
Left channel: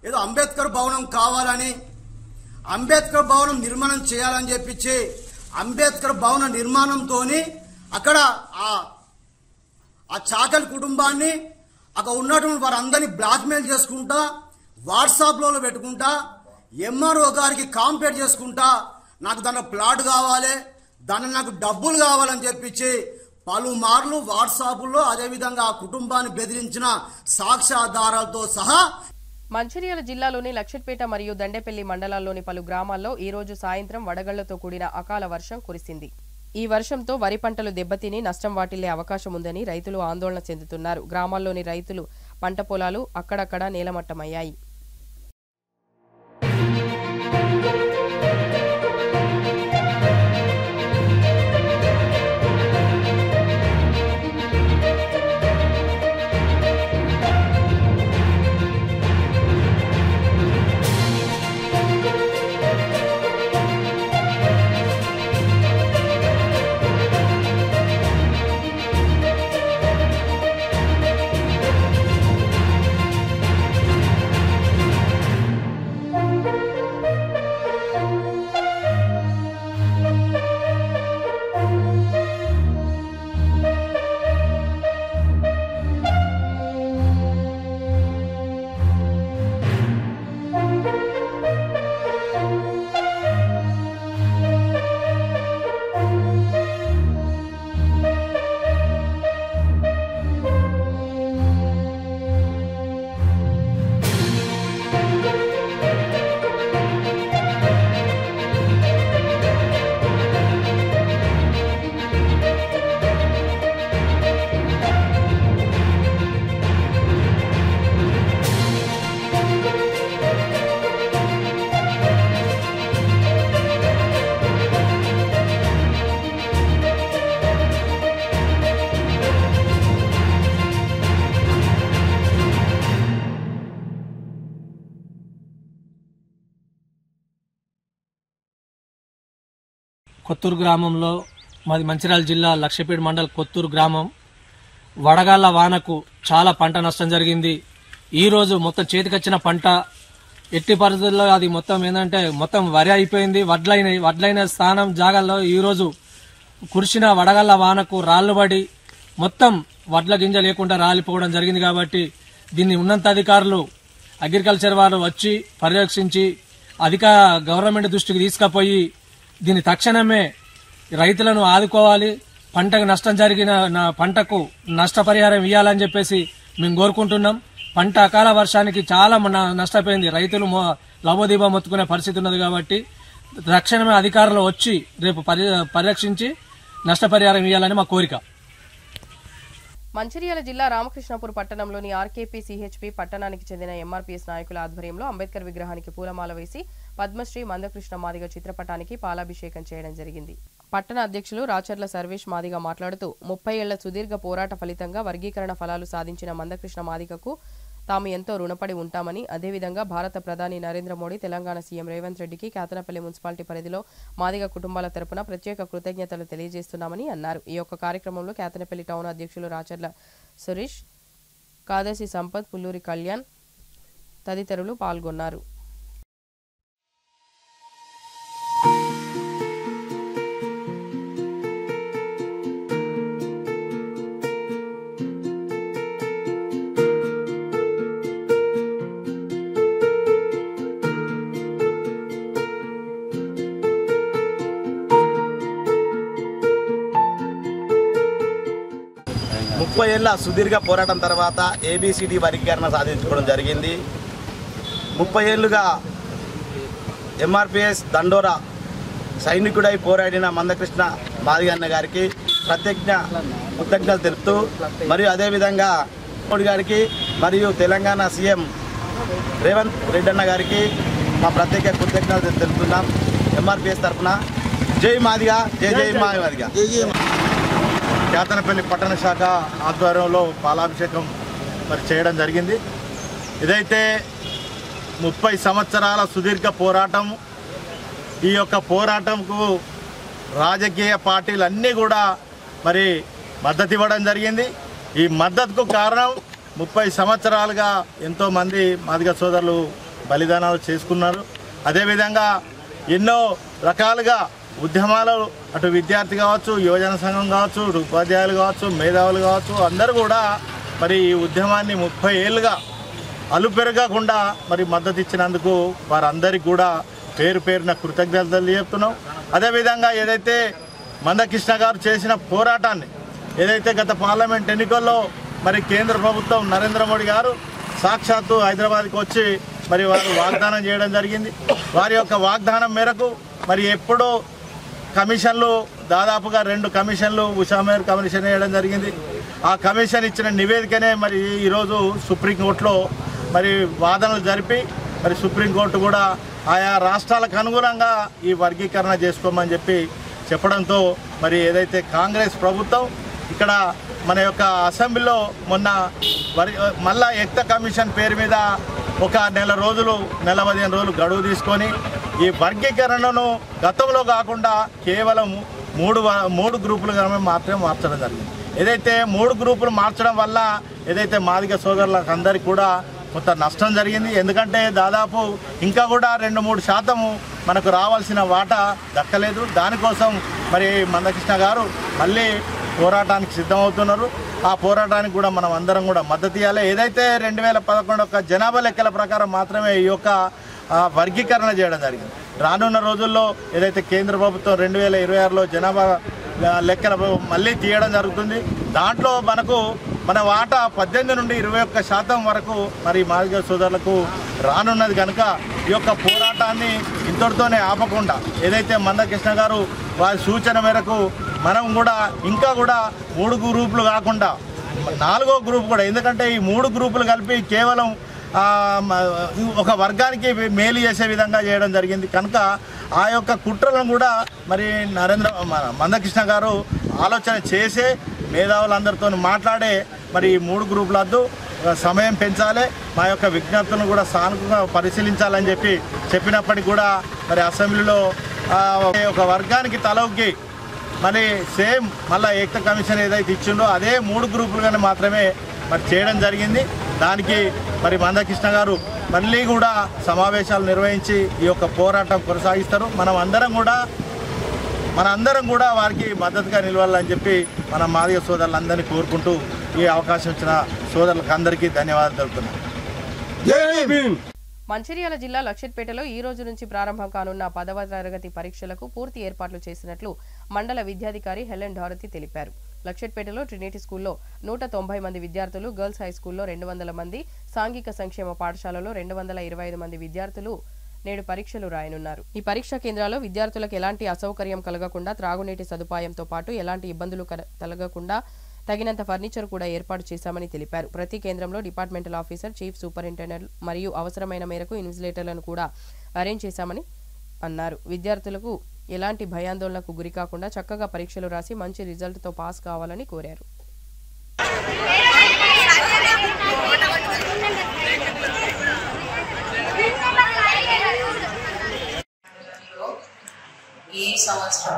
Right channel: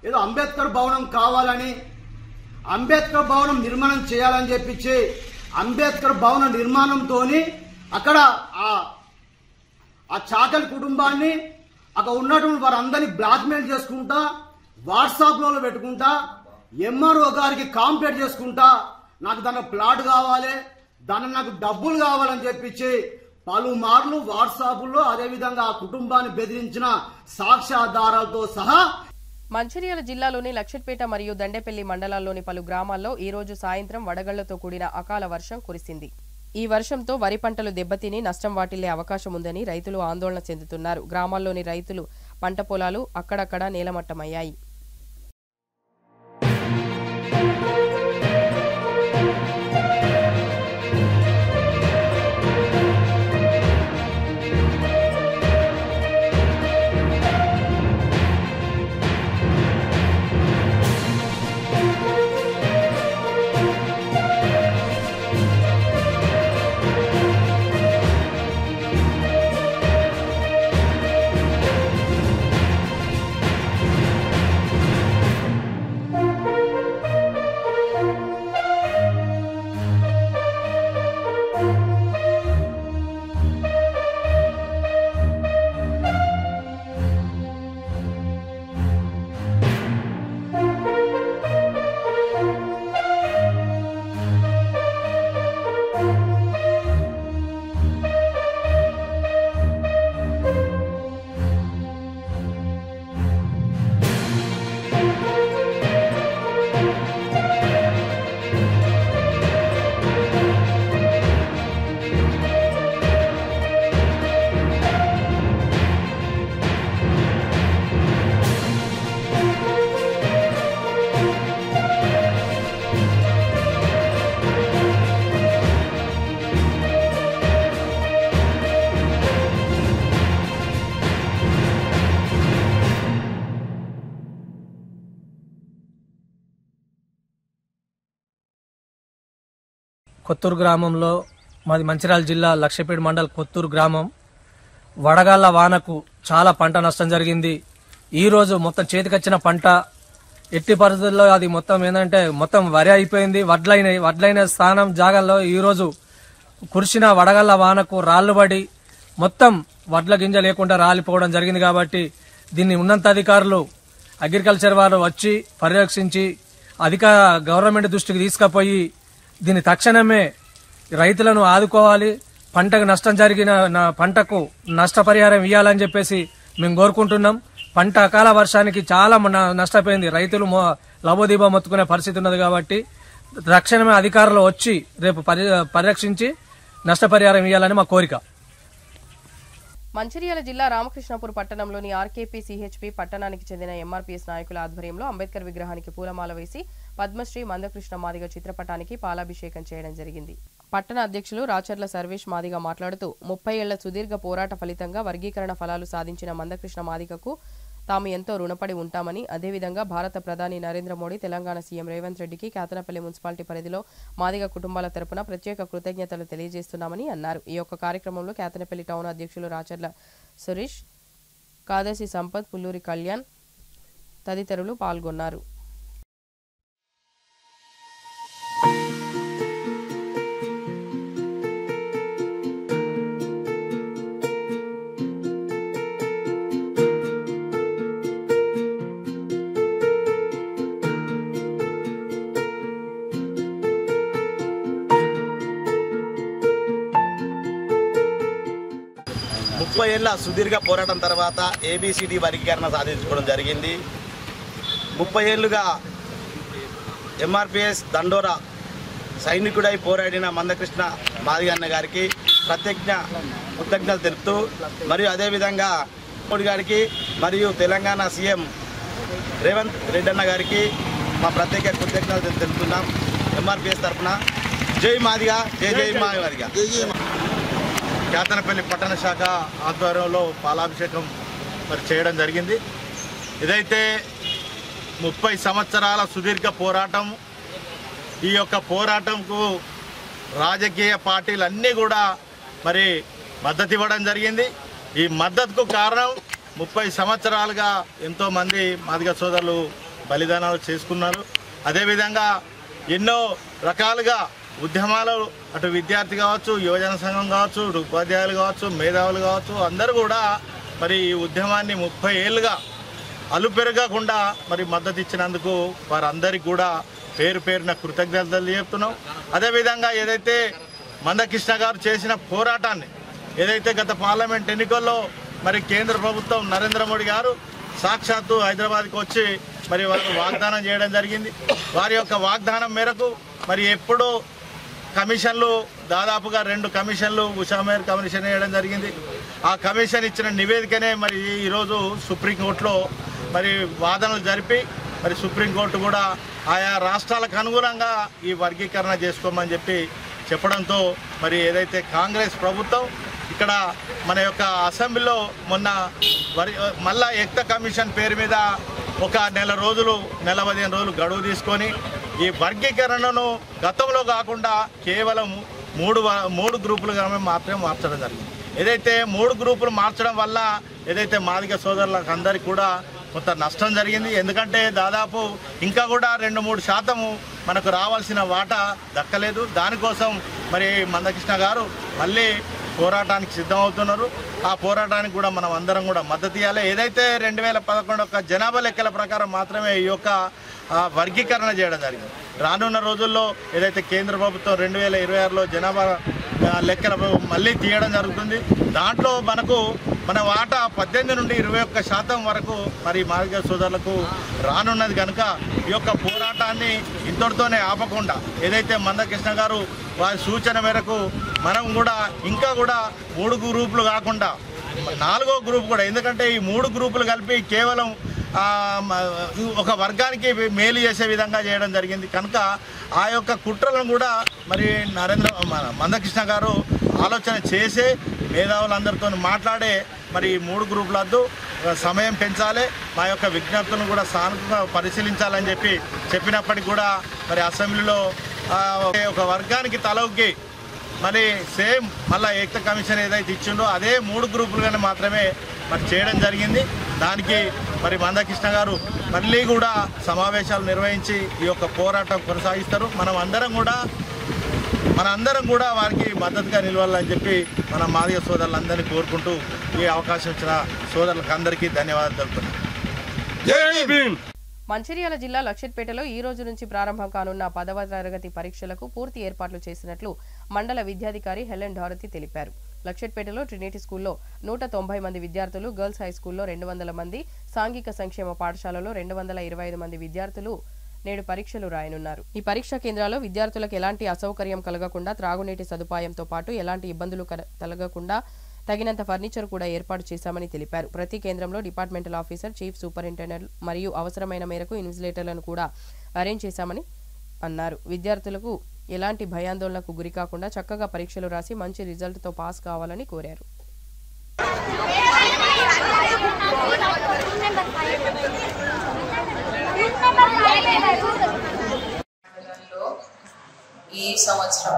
ఏదో అంబేద్కర్ భవనం కావాలని, అంబేద్కర్ భవనం నిర్మాణం చేయాలని చెప్పించి అంబేద్కర్ భవన నిర్మాణంతో అక్కడ ఆ చాకలి కుటుంబాన్ని అక్కడ ఉన్నటువంటి వారందరినీ బ్లాక్మెయిల్ చేసుకుంటా, వాట్సాప్లో పెట్టుకుంటా, ఎంఆర్ఓ గారికి కాంప్లైంట్ చేసుకుంటా, నాకు దాని ప్లాట్ కావాలి, దాని నాకు డబ్బులు కావాలని చెప్పించి పలుమార్లు వాట్సాప్లో అదేవిధంగా ఆ కుటుంబాన్ని బెదిరించిన సాక్ష్యాధారాలతో సహా. మంచిర్యాల జిల్లాలోని లక్షట్పేట మరియు దండేపల్లి మండలాల్లోని పలు గ్రామాల్లో ఈ రోజు సాయంత్రం వడగళ్లతో కూడిన అకాల వర్షం కురిసింది. ఈ వర్షంతో వరి పంటలు దెబ్బతిని నష్టం వాటిల్లే అవకాశం ఉందని రైతులు ఆందోళన చెందుతున్నారు. గ్రామాల్లోని రైతులు పంట పొలాలు అక్కడక్కడా నేలమట్టమయ్యాయి. కొత్తూరు గ్రామంలో, మాది మంచిర్యాల జిల్లా లక్షపేట మండల్ కొత్తూరు గ్రామం, వడగాళ్ల వానకు చాలా పంట నష్టం జరిగింది. ఈ రోజు మొత్తం చేతికొచ్చిన పంట ఎట్టి పరిస్థితుల్లో అది మొత్తం ఏంటంటే మొత్తం వరి అయిపోయింది. వడ్లైన స్థానం జాగాల్లో ఈ రోజు కురిసిన వడగాళ్ల వానకు రాళ్లు పడి మొత్తం వడ్ల గింజ లేకుండా రాలిపోవడం జరిగింది. కాబట్టి దీన్ని ఉన్నత అధికారులు అగ్రికల్చర్ వారు వచ్చి పర్యవేక్షించి గవర్నమెంట్ దృష్టికి తీసుకుపోయి దీన్ని తక్షణమే రైతులను ఆదుకోవాలి. పంటకు నష్టం జరిగిన పంటకు నష్టపరిహారం ఇవ్వాలని చెప్పేసి మేము కోరుకుంటున్నాం. పంట అకాల వర్షానికి చాలా నష్టపోయింది. రైతులు లబోదీబా మొత్తుకునే పరిస్థితి ఉన్నది. కాబట్టి తక్షణమే అధికారులు వచ్చి రేపు పరిరక్షించి నష్టపరిహారం ఇవ్వాలని మా కోరిక. మంచిర్యాల జిల్లా రామకృష్ణాపూర్ పట్టణంలోని ఆర్కేపీ సిహెచ్పి పట్టణానికి చెందిన ఎంఆర్పీఎస్ నాయకుల ఆధ్వర్యంలో అంబేద్కర్ విగ్రహానికి పూలమాల వేసి పద్మశ్రీ మందకృష్ణ మాదిగ చిత్రపటానికి పాలాభిషేకం చేయడం జరిగింది. పట్టణ అధ్యక్షులు రాచర్ల సర్వేష్ మాదిగ మాట్లాడుతూ 30 ఏళ్ల సుదీర్ఘ పోరాట ఫలితంగా వర్గీకరణ ఫలాలు సాధించిన మందకృష్ణ మాదిగకు తాము ఎంతో రుణపడి ఉంటామని, అదేవిధంగా భారత ప్రధాని నరేంద్ర మోడీ, తెలంగాణ సీఎం రేవంత్ రెడ్డికి కేతనపల్లి మున్సిపాలిటీ పరిధిలో మాదిగ కుటుంబాల తరపున ప్రత్యేక కృతజ్ఞతలు తెలియజేస్తున్నామని అన్నారు. ఈ యొక్క కార్యక్రమంలో కేతనపల్లి టౌన్ అధ్యక్షులు రాచర్ల సురేష్, కాదసి సంపత్, పుల్లూరి కళ్యాణ్ తదితరులు పాల్గొన్నారు. ఏళ్ల సుదీర్ఘ పోరాటం తర్వాత ఏబిసిడి వర్గీకరణ సాధించుకోవడం జరిగింది. 30 ఏళ్లుగా ఎంఆర్పిఎస్ దండోరా సైనికుడై పోరాడిన మందకృష్ణ మాదిగన్న గారికి కృతజ్ఞతలు తెలుపుతూ మరియు అదేవిధంగా మోడీ గారికి మరియు తెలంగాణ సీఎం రేవంత్ రెడ్డి అన్న గారికి మా ప్రత్యేక కృతజ్ఞతలు తెలుపుతున్నాం. ఎంఆర్పిఎస్ తరఫున జై మాదిగా, జై జై మాదిగా. కేతనపల్లి పట్టణ శాఖ ఆధ్వర్యంలో పాలాభిషేకం చేయడం జరిగింది. ఇదైతే 30 సంవత్సరాల సుదీర్ఘ పోరాటం. ఈ యొక్క పోరాటంకు రాజకీయ పార్టీలన్నీ కూడా మద్దతు ఇవ్వడం జరిగింది. ఈ మద్దతుకు కారణం 30 సంవత్సరాలుగా ఎంతోమంది మాదిగ సోదరులు బలిదానాలు చేసుకున్నారు. అదేవిధంగా ఎన్నో రకాలుగా ఉద్యమాలు అటు విద్యార్థి కావచ్చు, యువజన సంఘం కావచ్చు, ఉపాధ్యాయులు కావచ్చు, మేధావులు కావచ్చు, అందరూ కూడా ఈ ఉద్యమాన్ని 30 ఏళ్ళుగా అలుపెరగకుండా మద్దతు ఇచ్చినందుకు వారందరికీ కూడా పేరు పేరున కృతజ్ఞతలు చెప్తున్నాం. అదేవిధంగా ఏదైతే మందకృష్ణ గారు చేసిన పోరాటాన్ని ఏదైతే గత పార్లమెంట్ ఎన్నికల్లో కేంద్ర ప్రభుత్వం నరేంద్ర మోడీ గారు సాక్షాత్తు హైదరాబాద్కి వచ్చి వారు వాగ్దానం చేయడం జరిగింది. వారి యొక్క వాగ్దానం మేరకు ఎప్పుడో కమిషన్లు దాదాపుగా 2 కమిషన్లు ఉషామేర్ కమిషన్ వేయడం జరిగింది. ఆ కమిషన్ ఇచ్చిన నివేదికనే ఈరోజు సుప్రీంకోర్టులో వాదనలు జరిపి సుప్రీంకోర్టు కూడా ఆయా రాష్ట్రాలకు అనుగుణంగా ఈ వర్గీకరణ చేసుకోమని చెప్పడంతో ఏదైతే కాంగ్రెస్ ప్రభుత్వం ఇక్కడ మన యొక్క అసెంబ్లీలో మొన్న మళ్ళా ఎక్త కమిషన్ పేరు మీద ఒక నెల 15 రోజులు గడువు తీసుకొని ఈ వర్గీకరణను గతంలో కాకుండా కేవలం 3 గ్రూపులుగా మాత్రమే మార్చడం జరిగింది. ఏదైతే 3 గ్రూపులు మార్చడం వల్ల ఏదైతే మాదిగ సోదరులకు అందరికీ కూడా కొంత నష్టం జరిగింది. ఎందుకంటే దాదాపు ఇంకా కూడా 2-3% మనకు రావాల్సిన వాటా దక్కలేదు. దానికోసం మందకృష్ణ గారు మళ్ళీ పోరాటానికి సిద్ధమవుతున్నారు. ఆ పోరాటానికి కూడా మనం అందరం కూడా మద్దతు ఇవ్వాలి. ఏదైతే 2011 జనాభా లెక్కల ప్రకారం మాత్రమే ఈ యొక్క వర్గీకరణ చేయడం జరిగింది. రానున్న రోజుల్లో ఏదైతే కేంద్ర ప్రభుత్వం 2026లో జనాభా లెక్కలు మళ్ళీ తీయడం జరుగుతుంది. దాంట్లో మన వాటా 18 నుండి 21% వరకు మాదిగ సోదరులకు రానున్నది కనుక ఈ యొక్క పోరాటాన్ని ఇంతటితోనే ఆపకుండా ఏదైతే మందకృష్ణ గారు వారి సూచన మేరకు మనం కూడా ఇంకా కూడా 3 గ్రూపులు కాకుండా 4వ గ్రూప్ కూడా, ఎందుకంటే ఈ 3 గ్రూపులు కలిపి కేవలం ఒక వర్గానికి మేలు చేసే విధంగా చేయడం జరిగింది కనుక ఆ యొక్క కుట్రలను కూడా మందకృష్ణ గారు ఆలోచన చేసే మేధావులందరితో మాట్లాడే ఈ 3 గ్రూపుల వద్దు సమయం పెంచాలి, మా యొక్క విజ్ఞప్తులను కూడా సానుకూలంగా పరిశీలించాలని చెప్పినప్పటికీ కూడా అసెంబ్లీలో ఒక వర్గానికి తలొగ్గి సేమ్ మళ్ళీ ఏకత కమిషన్ ఏదైతే ఇచ్చిండో అదే 3 గ్రూపులుగానే మాత్రమే చేయడం జరిగింది. దానికి మందకృష్ణ గారు మళ్ళీ కూడా సమావేశాలు నిర్వహించి ఈ యొక్క పోరాటం కొనసాగిస్తారు. మనందరం కూడా వారికి మద్దతుగా నిలవాలని మన మాదిగ సోదరులందరినీ కోరుకుంటూ ఈ అవకాశం ఇచ్చిన సోదరులకు అందరికీ ధన్యవాదాలు తెలుపుతున్నాను. మంచిర్యాల జిల్లా లక్షెట్పేటలో ఈ రోజు నుంచి ప్రారంభం కానున్న 10వ తరగతి పరీక్షలకు పూర్తి ఏర్పాట్లు చేసినట్లు మండల విద్యాధికారి హెలెన్ డారతి తెలిపారు. లక్షెట్పేటలో ట్రినిటీ స్కూల్లో 190 మంది విద్యార్థులు, గర్ల్స్ హై స్కూల్లో 200 మంది, సాంఘిక సంక్షేమ పాఠశాలలో 225 మంది విద్యార్థులు నేడు పరీక్షలు రాయనున్నారు. ఈ పరీక్షా కేంద్రాల్లో విద్యార్థులకు ఎలాంటి అసౌకర్యం కలగకుండా, త్రాగునీటి సదుపాయంతో పాటు ఎలాంటి ఇబ్బందులు కలగకుండా తగినంత ఫర్నిచర్ కూడా ఏర్పాటు చేశామని తెలిపారు. ప్రతి కేంద్రంలో డిపార్ట్మెంటల్ ఆఫీసర్, చీఫ్ సూపరింటెండెంట్ మరియు అవసరమైన మేరకు ఇన్విజిలేటర్లను కూడా అరేంజ్ చేశామని అన్నారు. విద్యార్థులకు ఎలాంటి భయాందోళనకు గురికాకుండా చక్కగా పరీక్షలు రాసి మంచి రిజల్ట్తో పాస్ కావాలని కోరారు. ఈ సంవత్సరం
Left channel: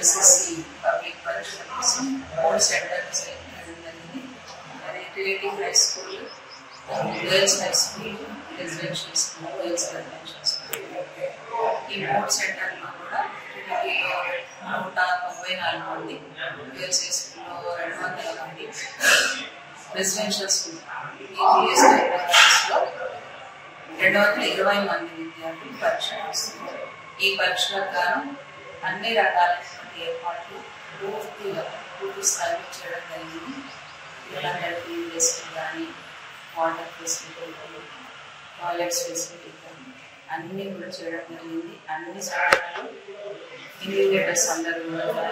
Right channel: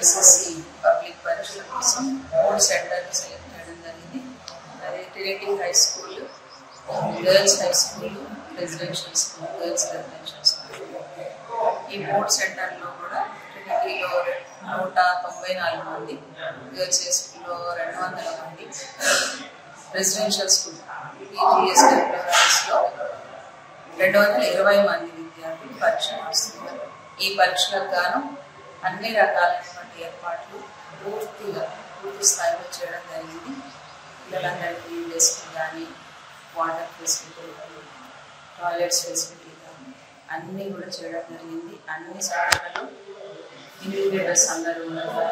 ఎస్ఎస్సి పబ్లిక్ పరీక్షల కోసం 3 సెంటర్స్ జరిగింది. Relative high school, girls high school, residential school, girls residential school. ఈ 3 సెంటర్లో కూడా ట్రినిటీలో 194 మంది, గర్ల్స్ హై స్కూల్లో 200 మంది, రెసిడెన్షియల్ స్కూల్ లో 220 మంది విద్యార్థులు పరీక్ష రాస్తున్నారు. ఈ పరీక్షలకు గాను అన్ని రకాలైనటువంటి ఏర్పాట్లు పూర్తి స్థాయిలో చేయడం జరిగింది. పిల్లలందరికీ డెస్క్ కానీ, వాటర్ ఫెసిలిటీ కానీ, టాయిలెట్స్ ఫెసిలిటీ కానీ అన్నీ కూడా చేయడం జరిగింది. అన్ని శాఖలలో ఇండికేటర్స్ అందరూ కూడా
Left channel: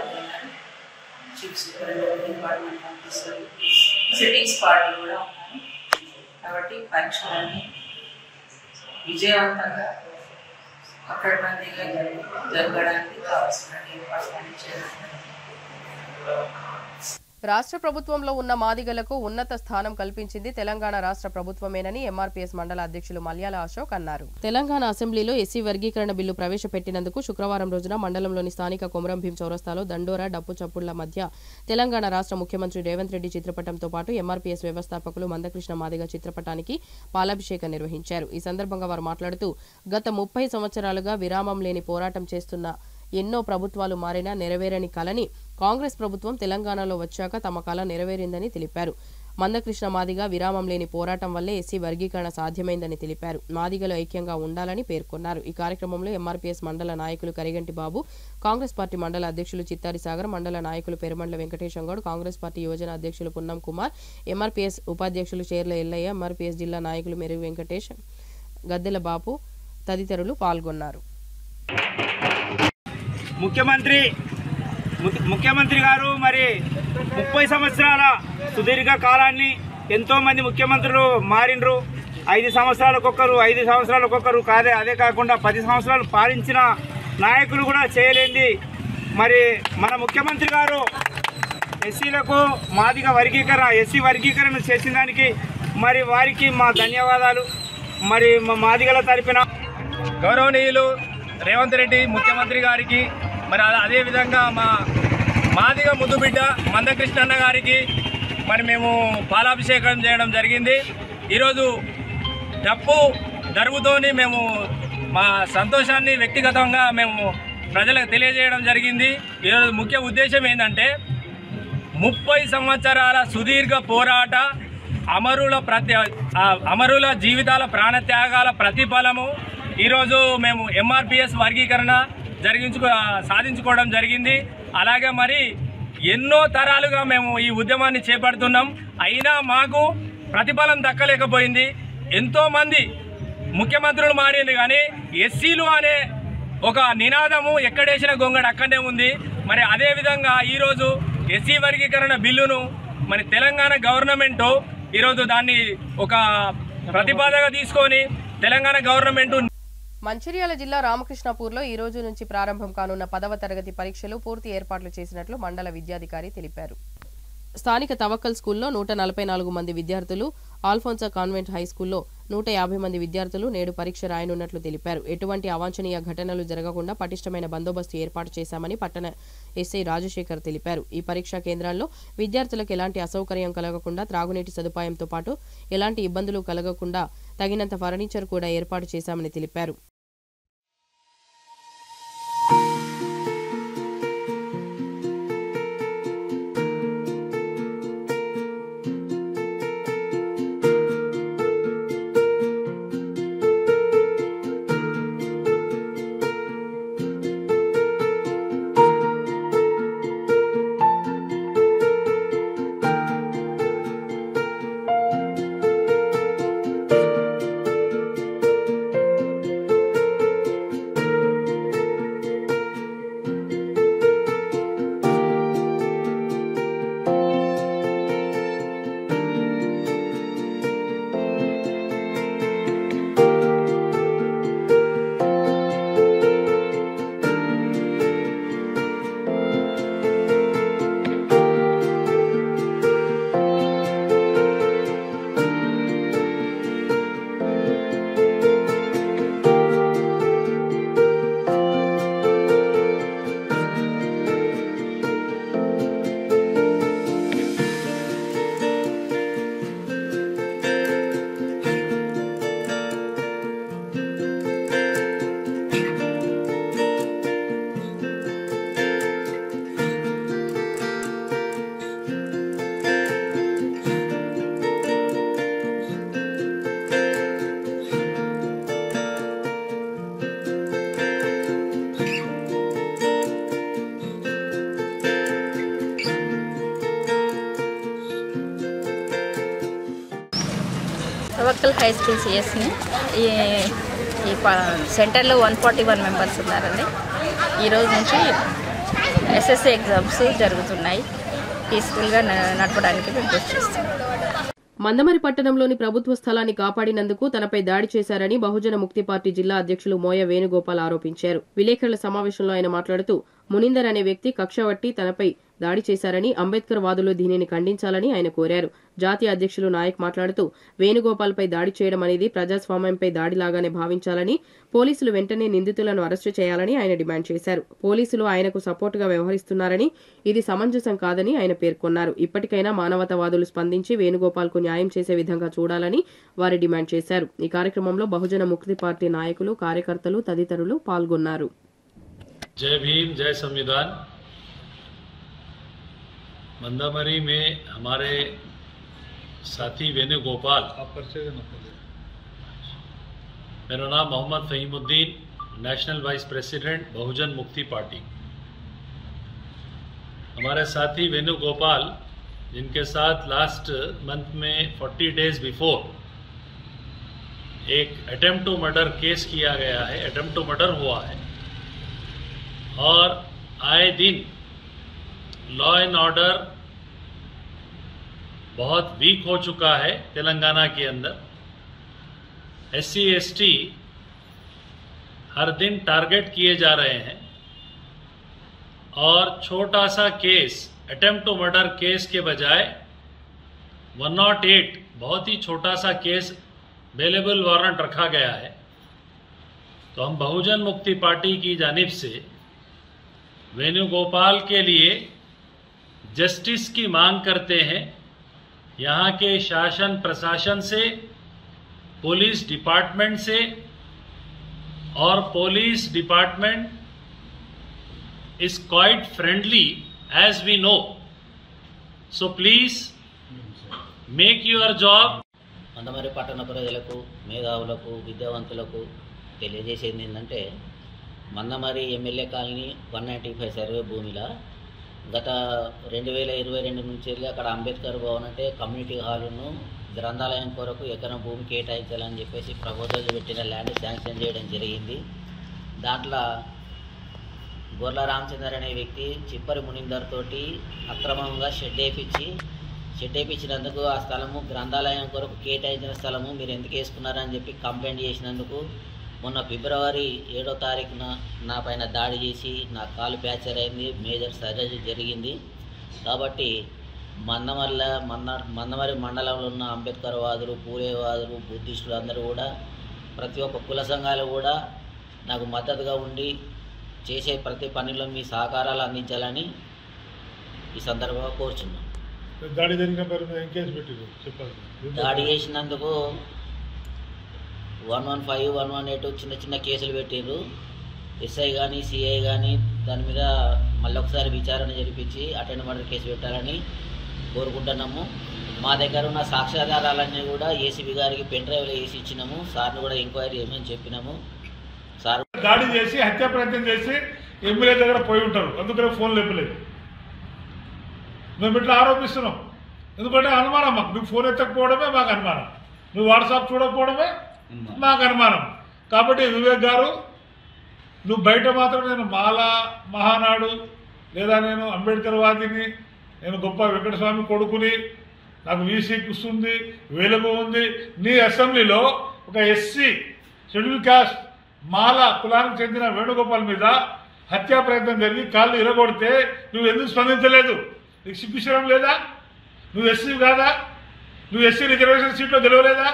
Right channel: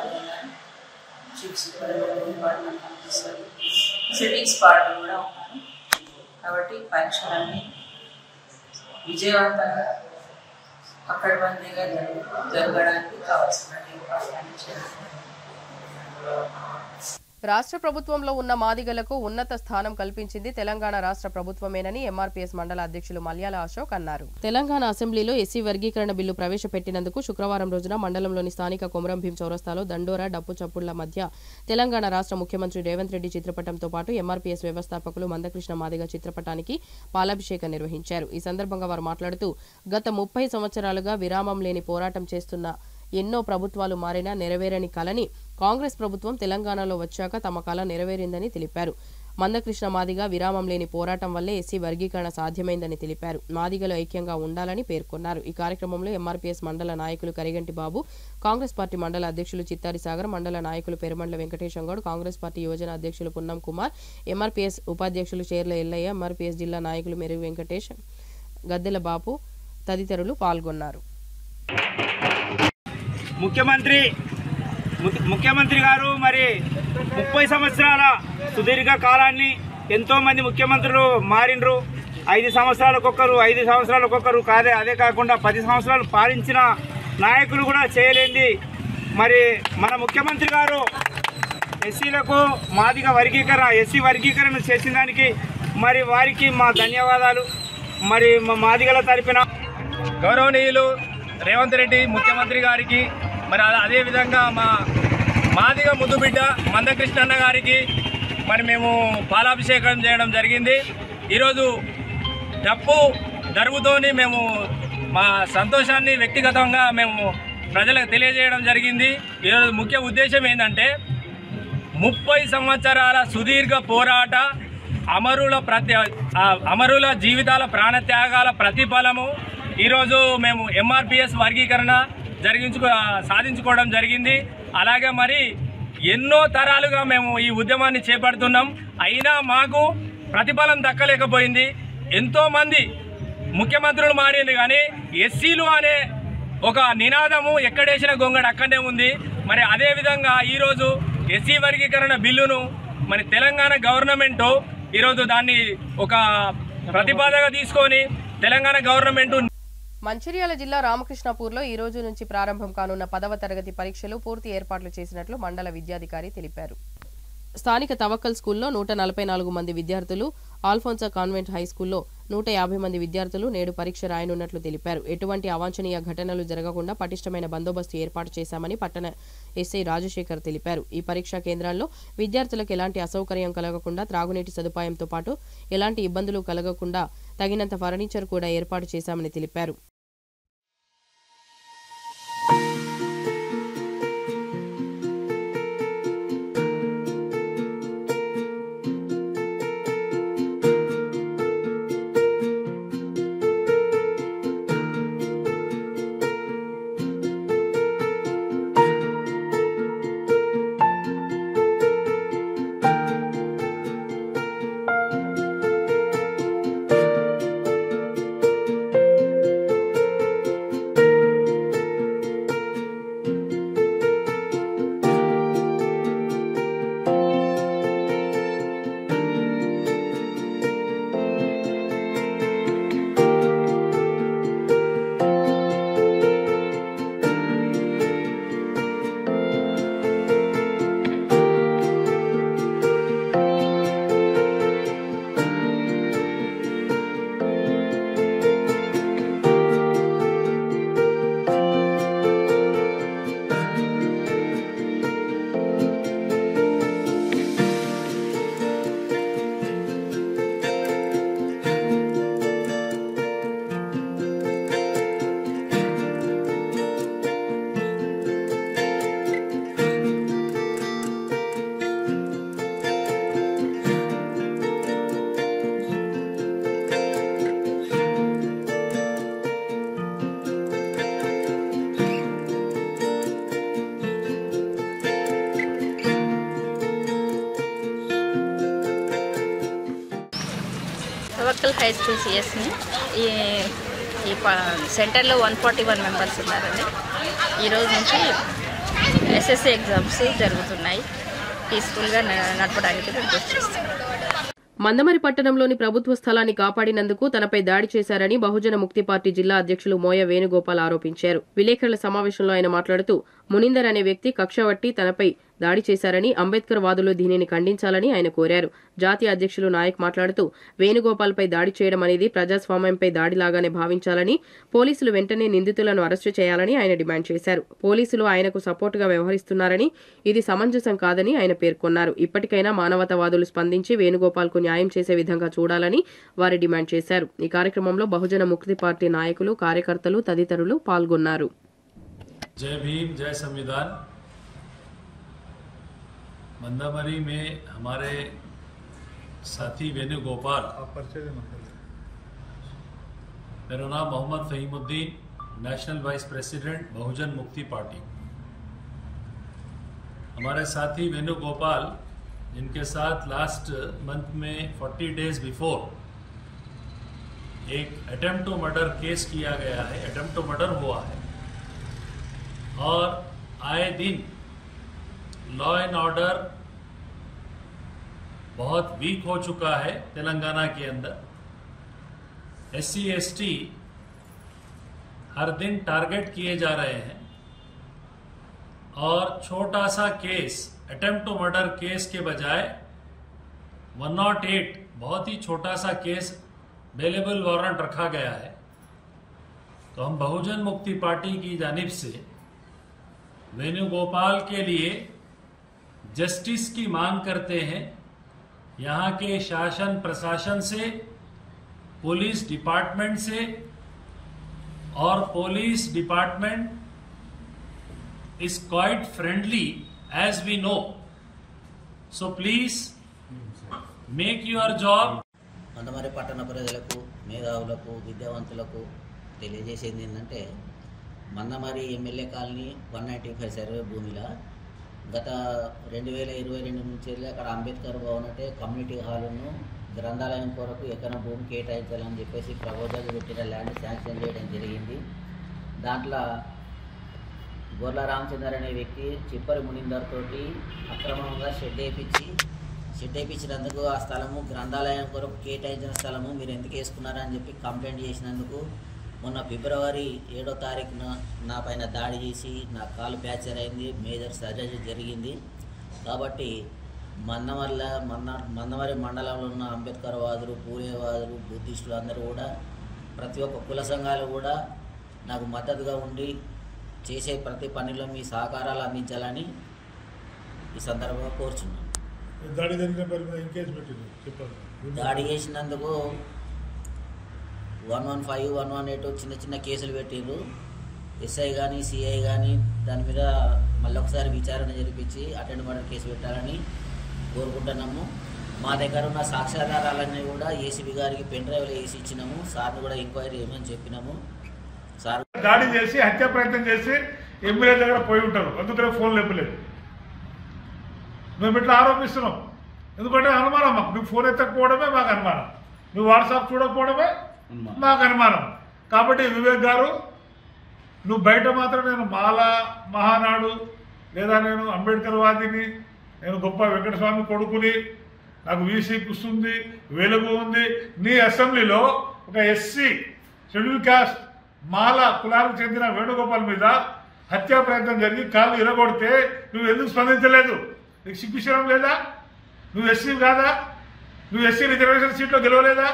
chief superintendent, department officer, sittings party కూడా ఉన్నారు. కాబట్టి పరీక్షలన్నీ విజయవంతంగా పకడ్బందీగా జరగడానికి కావాల్సిన ఏర్పాట్లన్నీ చేయడం. రాష్ట్ర ప్రభుత్వంలో ఉన్న మాదిగలకు ఉన్నత స్థానం కల్పించింది తెలంగాణ రాష్ట్ర ప్రభుత్వమేనని ఎంఆర్పీఎస్ మండల అధ్యక్షులు మల్యాల అశోక్ అన్నారు. తెలంగాణ అసెంబ్లీలో ఎస్సీ వర్గీకరణ బిల్లు ప్రవేశపెట్టినందుకు శుక్రవారం రోజున మండలంలోని స్థానిక కొమరం భీం చౌరస్తాలో దండోరా, డప్పు చప్పుళ్ల మధ్య తెలంగాణ రాష్ట్ర ముఖ్యమంత్రి రేవంత్ రెడ్డి చిత్రపటంతో పాటు ఎంఆర్పీఎస్ వ్యవస్థాపకులు మందకృష్ణ మాదిగ చిత్రపటానికి పాలాభిషేకం నిర్వహించారు. ఈ సందర్భంగా వారు మాట్లాడుతూ గత 30 సంవత్సరాలుగా విరామం లేని పోరాటం చేస్తున్న ఎన్నో ప్రభుత్వాలు మారినా నెరవేరని కలని కాంగ్రెస్ ప్రభుత్వం తెలంగాణలో వచ్చాక తమ కళ నెరవేరిందని తెలిపారు. మందకృష్ణ మాదిగ విరామం లేని పోరాటం వల్లే ఎస్సీ వర్గీకరణ సాధ్యమైందని తెలిపారు. మాదిగలు ఐక్యంగా ఉండాలని పేర్కొన్నారు. ఈ కార్యక్రమంలో ఎంఆర్పీఎస్ మండల నాయకులు కరిగంటి బాబు, కాంగ్రెస్ పార్టీ మండల అధ్యక్షులు చిత్తారి సాగర్, మండల నాయకులు పెరుమండ్ల వెంకటేశం గౌడ్, కాంగ్రెస్ పార్టీ యువజన అధ్యక్షులు పున్నం కుమార్, ఎంఆర్పీఎస్ ఉపాధ్యక్షులు చేర్ల ఎల్లయ్య, ఎంఆర్పీఎస్ జిల్లా నాయకులు మెరుగు వెంకటేష్, గద్దెల బాపు తదితరులు పాల్గొన్నారు. ముఖ్యమంత్రి గారు మరి 30 సంవత్సరాల సుదీర్ఘ కాలాన్ని ఎంతోమంది ముఖ్యమంత్రులు మారినరు. 5 సంవత్సరాలకొకరు, 5 సంవత్సరాలకొకరు కాదే. అదే కాకుండా 10 సంవత్సరాలు పాలించిన నాయకులు కూడా చేయలేంది. మరి మన ముఖ్యమంత్రి గారు ఎస్సీలకు మాదిగ వర్గీకరణ, ఎస్సీ వర్గీకరణ చేసిన దానికి మరి వారికి మా ధన్యవాదాలు. మరి మా మాదిగల తరపున గౌరవనీయులు రేవంత్ రెడ్డి ముఖ్యమంత్రి గారికి, మరి అదేవిధంగా మా మాదిగ ముద్దుబిడ్డ మందకృష్ణ అన్న గారికి మరి మేము పాలాభిషేకం చేయడం జరిగింది. ఈరోజు డప్పు దరువుతోని మేము మా సంతోషాన్ని వ్యక్తిగతంగా మేము ప్రజలకు తెలియజేయడం జరిగింది. ఈరోజు ముఖ్య ఉద్దేశం ఏంటంటే 30 సంవత్సరాల సుదీర్ఘ పోరాట అమరుల జీవితాల ప్రాణత్యాగాల ప్రతిఫలము ఈరోజు మేము ఎంఆర్పీఎస్ వర్గీకరణ సాధించుకోవడం జరిగింది. అలాగే మరి ఎన్నో తరాలుగా మేము ఈ ఉద్యమాన్ని చేపడుతున్నాం. అయినా మాకు ప్రతిఫలం దక్కలేకపోయింది. ఎంతోమంది ముఖ్యమంత్రులు మారింది కానీ ఎస్సీలు అనే ఒక నినాదము ఎక్కడేసిన గొంగడు అక్కడే ఉంది. మరి అదేవిధంగా ఈరోజు ఎస్సీ వర్గీకరణ బిల్లును మరి తెలంగాణ గవర్నమెంటు ఈరోజు దాన్ని ఒక ప్రతిపాదనగా తీసుకొని తెలంగాణ గవర్నమెంట్ మంచిర్యాల జిల్లా రామకృష్ణాపూర్లో ఈ రోజు నుంచి ప్రారంభం కానున్న 10వ తరగతి పరీక్షలు పూర్తి ఏర్పాట్లు చేసినట్లు మండల విద్యాధికారి తెలిపారు. స్థానిక తవక్కల్ స్కూల్లో 144 మంది విద్యార్థులు, ఆల్ఫోన్సా కాన్వెంట్ హై స్కూల్లో 150 మంది విద్యార్థులు నేడు పరీక్ష రాయనున్నట్లు తెలిపారు. ఎటువంటి అవాంఛనీయ ఘటనలు జరగకుండా పటిష్టమైన బందోబస్తు ఏర్పాటు చేశామని పట్టణ ఎస్ఐ రాజశేఖర్ తెలిపారు. ఈ పరీక్షా కేంద్రాల్లో విద్యార్థులకు ఎలాంటి అసౌకర్యం కలగకుండా త్రాగునీటి సదుపాయంతో పాటు ఎలాంటి ఇబ్బందులు కలగకుండా తగినంత ఫర్నిచర్ కూడా ఏర్పాటు చేశామని తెలిపారు. తవక్కల్ హై స్కూల్ సిఎస్ని ఈ సెంటర్లో 141 మెంబర్స్ ఉన్నారండి. ఈరోజు నుంచి ఎస్ఎస్సి ఎగ్జామ్స్ జరుగుతున్నాయి. పీస్ఫుల్గా నడపడానికి మేము కృషి చేస్తున్నాం. మందమరి పట్టణంలోని ప్రభుత్వ స్థలాన్ని కాపాడినందుకు తనపై దాడి చేశారని బహుజన ముక్తి పార్టీ జిల్లా అధ్యక్షులు మోయ వేణుగోపాల్ ఆరోపించారు. విలేకరుల సమావేశంలో ఆయన మాట్లాడుతూ మునిందర్ అనే వ్యక్తి కక్షవట్టి తనపై దాడి చేశారని, అంబేద్కర్ వాదులు దీనిని ఖండించాలని ఆయన కోరారు. జాతీయ అధ్యక్షులు నాయక్ మాట్లాడుతూ వేణుగోపాల్ పై దాడి చేయడం అనేది ప్రజాస్వామ్యంపై దాడిలాగానే భావించాలని, పోలీసులు వెంటనే నిందితులను అరెస్టు చేయాలని ఆయన డిమాండ్ చేశారు. పోలీసులు ఆయనకు సపోర్టుగా వ్యవహరిస్తున్నారని, ఇది సమంజసం కాదని ఆయన పేర్కొన్నారు. ఇప్పటికైనా మానవతావాదులు స్పందించి వేణుగోపాల్ కు న్యాయం చేసే విధంగా చూడాలని వారు డిమాండ్ చేశారు. ఈ కార్యక్రమంలో బహుజన ముక్తి పార్టీ నాయకులు, కార్యకర్తలు తదితరులు పాల్గొన్నారు. जय भीम, जय संविधान। मंदामरी में हमारे साथी वेणुगोपाल, मेरा नाम Mohammad Fahimuddin, national vice president Bahujan Mukti Party. हमारे साथी वेणुगोपाल, जिनके साथ लास्ट मंथ में 40 डेज बिफोर एक अटेम्प्ट टू मर्डर केस किया गया है, अटेम्प्ट टू मर्डर हुआ है, और आए दिन लॉ एंड ऑर्डर बहुत वीक हो चुका है तेलंगाना के अंदर। SC ST हर दिन टारगेट किए जा रहे हैं, और छोटा सा case attempt to murder case के बजाय 108 बहुत ही छोटा सा केस बेलेबल वारंट रखा गया है। तो हम बहुजन मुक्ति पार्टी की जानिब से वेणुगोपाल के लिए जस्टिस की मांग करते हैं। यहाँ के शासन प्रशासन से, पुलिस डिपार्टमेंट से, और police department is quite friendly as we know. So please make your job. Mandamarri పట్టణ ప్రజలకు, మేధావులకు, విద్యావంతులకు తెలియజేసేది ఏంటంటే, మందమరి ఎమ్మెల్యే కాలనీ 195 సర్వే భూమిలో గత 2022 నుంచి వెళ్ళి అక్కడ అంబేద్కర్ భవన్ అంటే కమ్యూనిటీ హాలును గ్రంథాలయం కొరకు ఎకరం భూమి కేటాయించాలని చెప్పేసి ప్రపోజల్ పెట్టిన ల్యాండ్ శాంక్షన్ చేయడం జరిగింది. దాంట్లో గొర్ల రామచందర్ అనే వ్యక్తి చిప్పరి మునిందర్ తోటి అక్రమంగా షెడ్ వేయించినందుకు ఆ స్థలము గ్రంథాలయం కొరకు కేటాయించిన స్థలము మీరు ఎందుకు వేసుకున్నారని చెప్పి కంప్లైంట్ చేసినందుకు మొన్న ఫిబ్రవరి 7వ తారీఖున నా పైన దాడి చేసి నా కాలు ఫ్రాక్చర్ అయింది, మేజర్ సర్జరీ జరిగింది. కాబట్టి మందమరి మండలంలో ఉన్న అంబేద్కర్ వాదులు, పూలేవాదులు, బుద్ధిస్టులు అందరూ కూడా, ప్రతి ఒక్క కుల సంఘాలు కూడా నాకు మద్దతుగా ఉండి చేసే ప్రతి పనిలో మీ సహకారాలు అందించాలని ఈ సందర్భంగా కోరుచున్నాను. దాడి చేసినందుకు 115, 118 చిన్న చిన్న కేసులు పెట్టిండ్రు. ఎస్ఐ కానీ, సిఐ కానీ దాని మీద మళ్ళీ ఒకసారి విచారణ జరిపించి అటెండ్ మర్డర్ కేసు పెట్టాలని కోరుకుంటున్నాము. మా దగ్గర ఉన్న సాక్ష్యాధారాలన్నీ కూడా ఏసీబీ గారికి పెన్ డ్రైవ్లో వేసి ఇచ్చినాము. సార్ని కూడా ఎంక్వైరీ చేయమని చెప్పినాము. సార్ దాడి చేసి హత్యా ప్రయత్నం చేసి ఎమ్మెల్యే దగ్గర పోయి ఉంటారు, అందుకనే ఫోన్ లేపలేదు. మేము ఇట్లా ఆరోపిస్తున్నాం. ఎందుకంటే అనుమానం మాకు, నువ్వు ఫోన్ ఎత్తకపోవడమే మాకు అనుమానం, నువ్వు వాట్సాప్ చూడకపోవడమే మాకు అనుమానం. కాబట్టి వివేక్ గారు, నువ్వు బయట మాత్రం నేను మాలా మహానాడు లేదా నేను అంబేద్కర్ వాదిని, నేను గొప్ప వెంకటస్వామి కొడుకుని, నాకు వీసీ ఉంది, వెలుగు ఉంది, నీ అసెంబ్లీలో ఒక ఎస్సీ షెడ్యూల్ కాస్ట్ మాల కులానికి చెందిన వేణుగోపాల్ మీద హత్యా ప్రయత్నం జరిగి కాళ్ళు ఇరగొడితే నువ్వు ఎందుకు స్పందించలేదు? నీకు సిగ్గుశరం లేదా? నువ్వు ఎస్సీ కాదా? నువ్వు ఎస్సీ రిజర్వేషన్ సీట్లో గెలవలేదా?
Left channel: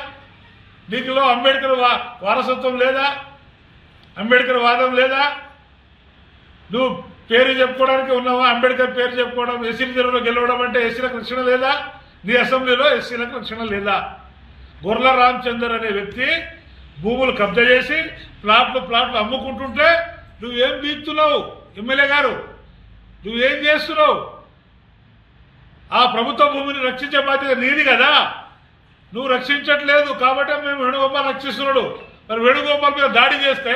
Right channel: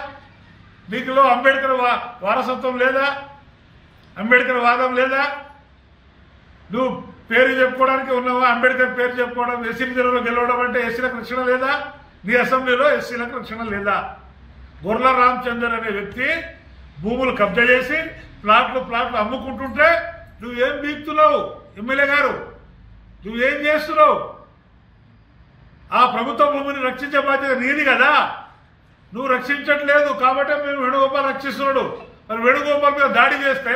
నీకులో అంబేద్కర్ వారసత్వం లేదా? అంబేద్కర్ వాదం లేదా? నువ్వు పేరు చెప్పుకోవడానికి ఉన్నావా? అంబేద్కర్ పేరు చెప్పుకోవడం, ఎస్సీ రిజర్వ్లో గెలవడం అంటే ఎస్సీలకు రక్షణ లేదా? నీ అసెంబ్లీలో ఎస్సీలకు రక్షణ లేదా? గొర్ల రామచందర్ అనే వ్యక్తి భూములు కబ్జా చేసి ప్లాట్లు అమ్ముకుంటుంటే నువ్వేం బీక్తున్నావు? ఎమ్మెల్యే గారు, నువ్వేం చేస్తున్నావు? ఆ ప్రభుత్వ భూమిని రక్షించే బాధ్యత నీది కదా, నువ్వు రక్షించట్లేదు. కాబట్టి మేము వేణుగోపాల్ రక్షిస్తున్నాడు. మరి వేణుగోపాల్ మీద దాడి చేస్తే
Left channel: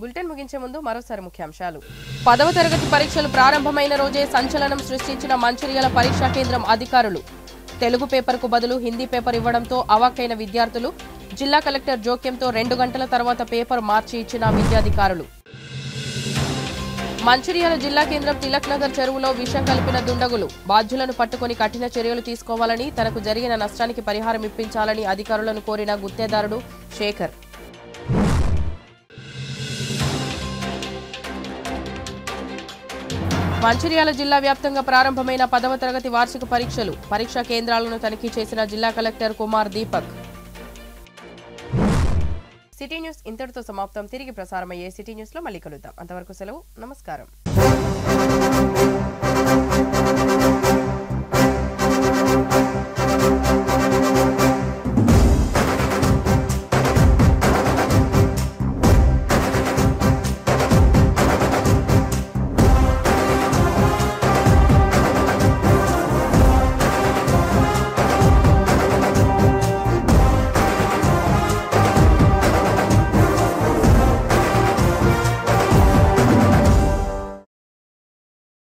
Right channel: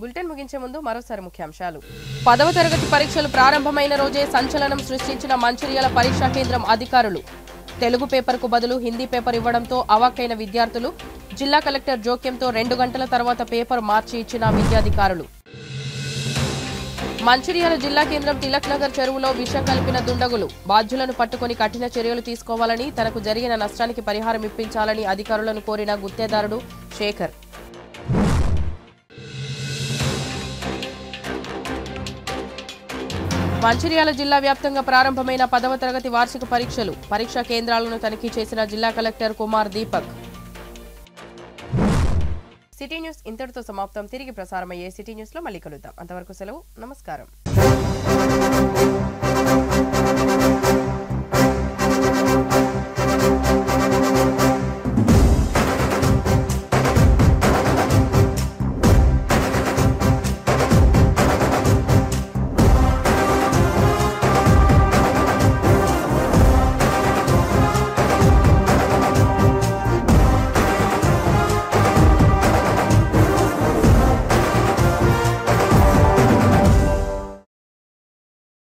బులెటిన్ ముగించే ముందు మరోసారి ముఖ్యాంశాలు. 10వ తరగతి పరీక్షలు ప్రారంభమైన రోజే సంచలనం సృష్టించిన మంచిర్యాల పరీక్షా కేంద్రం అధికారులు. తెలుగు పేపర్కు బదులు హిందీ పేపర్ ఇవ్వడంతో అవాక్కైన విద్యార్థులు. జిల్లా కలెక్టర్ జోక్యంతో 2 గంటల తర్వాత పేపర్ మార్చి ఇచ్చిన విద్యాధికారులు. మంచిర్యాల జిల్లా కేంద్రం తిలక్ నగర్ చెరువులో విషం కలిపిన దుండగులు. బాధ్యులను పట్టుకుని కఠిన చర్యలు తీసుకోవాలని, తనకు జరిగిన నష్టానికి పరిహారం ఇప్పించాలని అధికారులను కోరిన గుత్తేదారుడు శేఖర్. మంచిర్యాల జిల్లా వ్యాప్తంగా ప్రారంభమైన 10వ తరగతి వార్షిక పరీక్షలు. పరీక్షా కేంద్రాలను తనిఖీ చేసిన జిల్లా collector Kumar Deepak. City news ఇంతటితో సమాప్తం. తిరిగి ప్రసారమయ్యే సిటీ న్యూస్ లో మళ్ళీ కలుద్దాం. అంతవరకు సెలవు. నమస్కారం.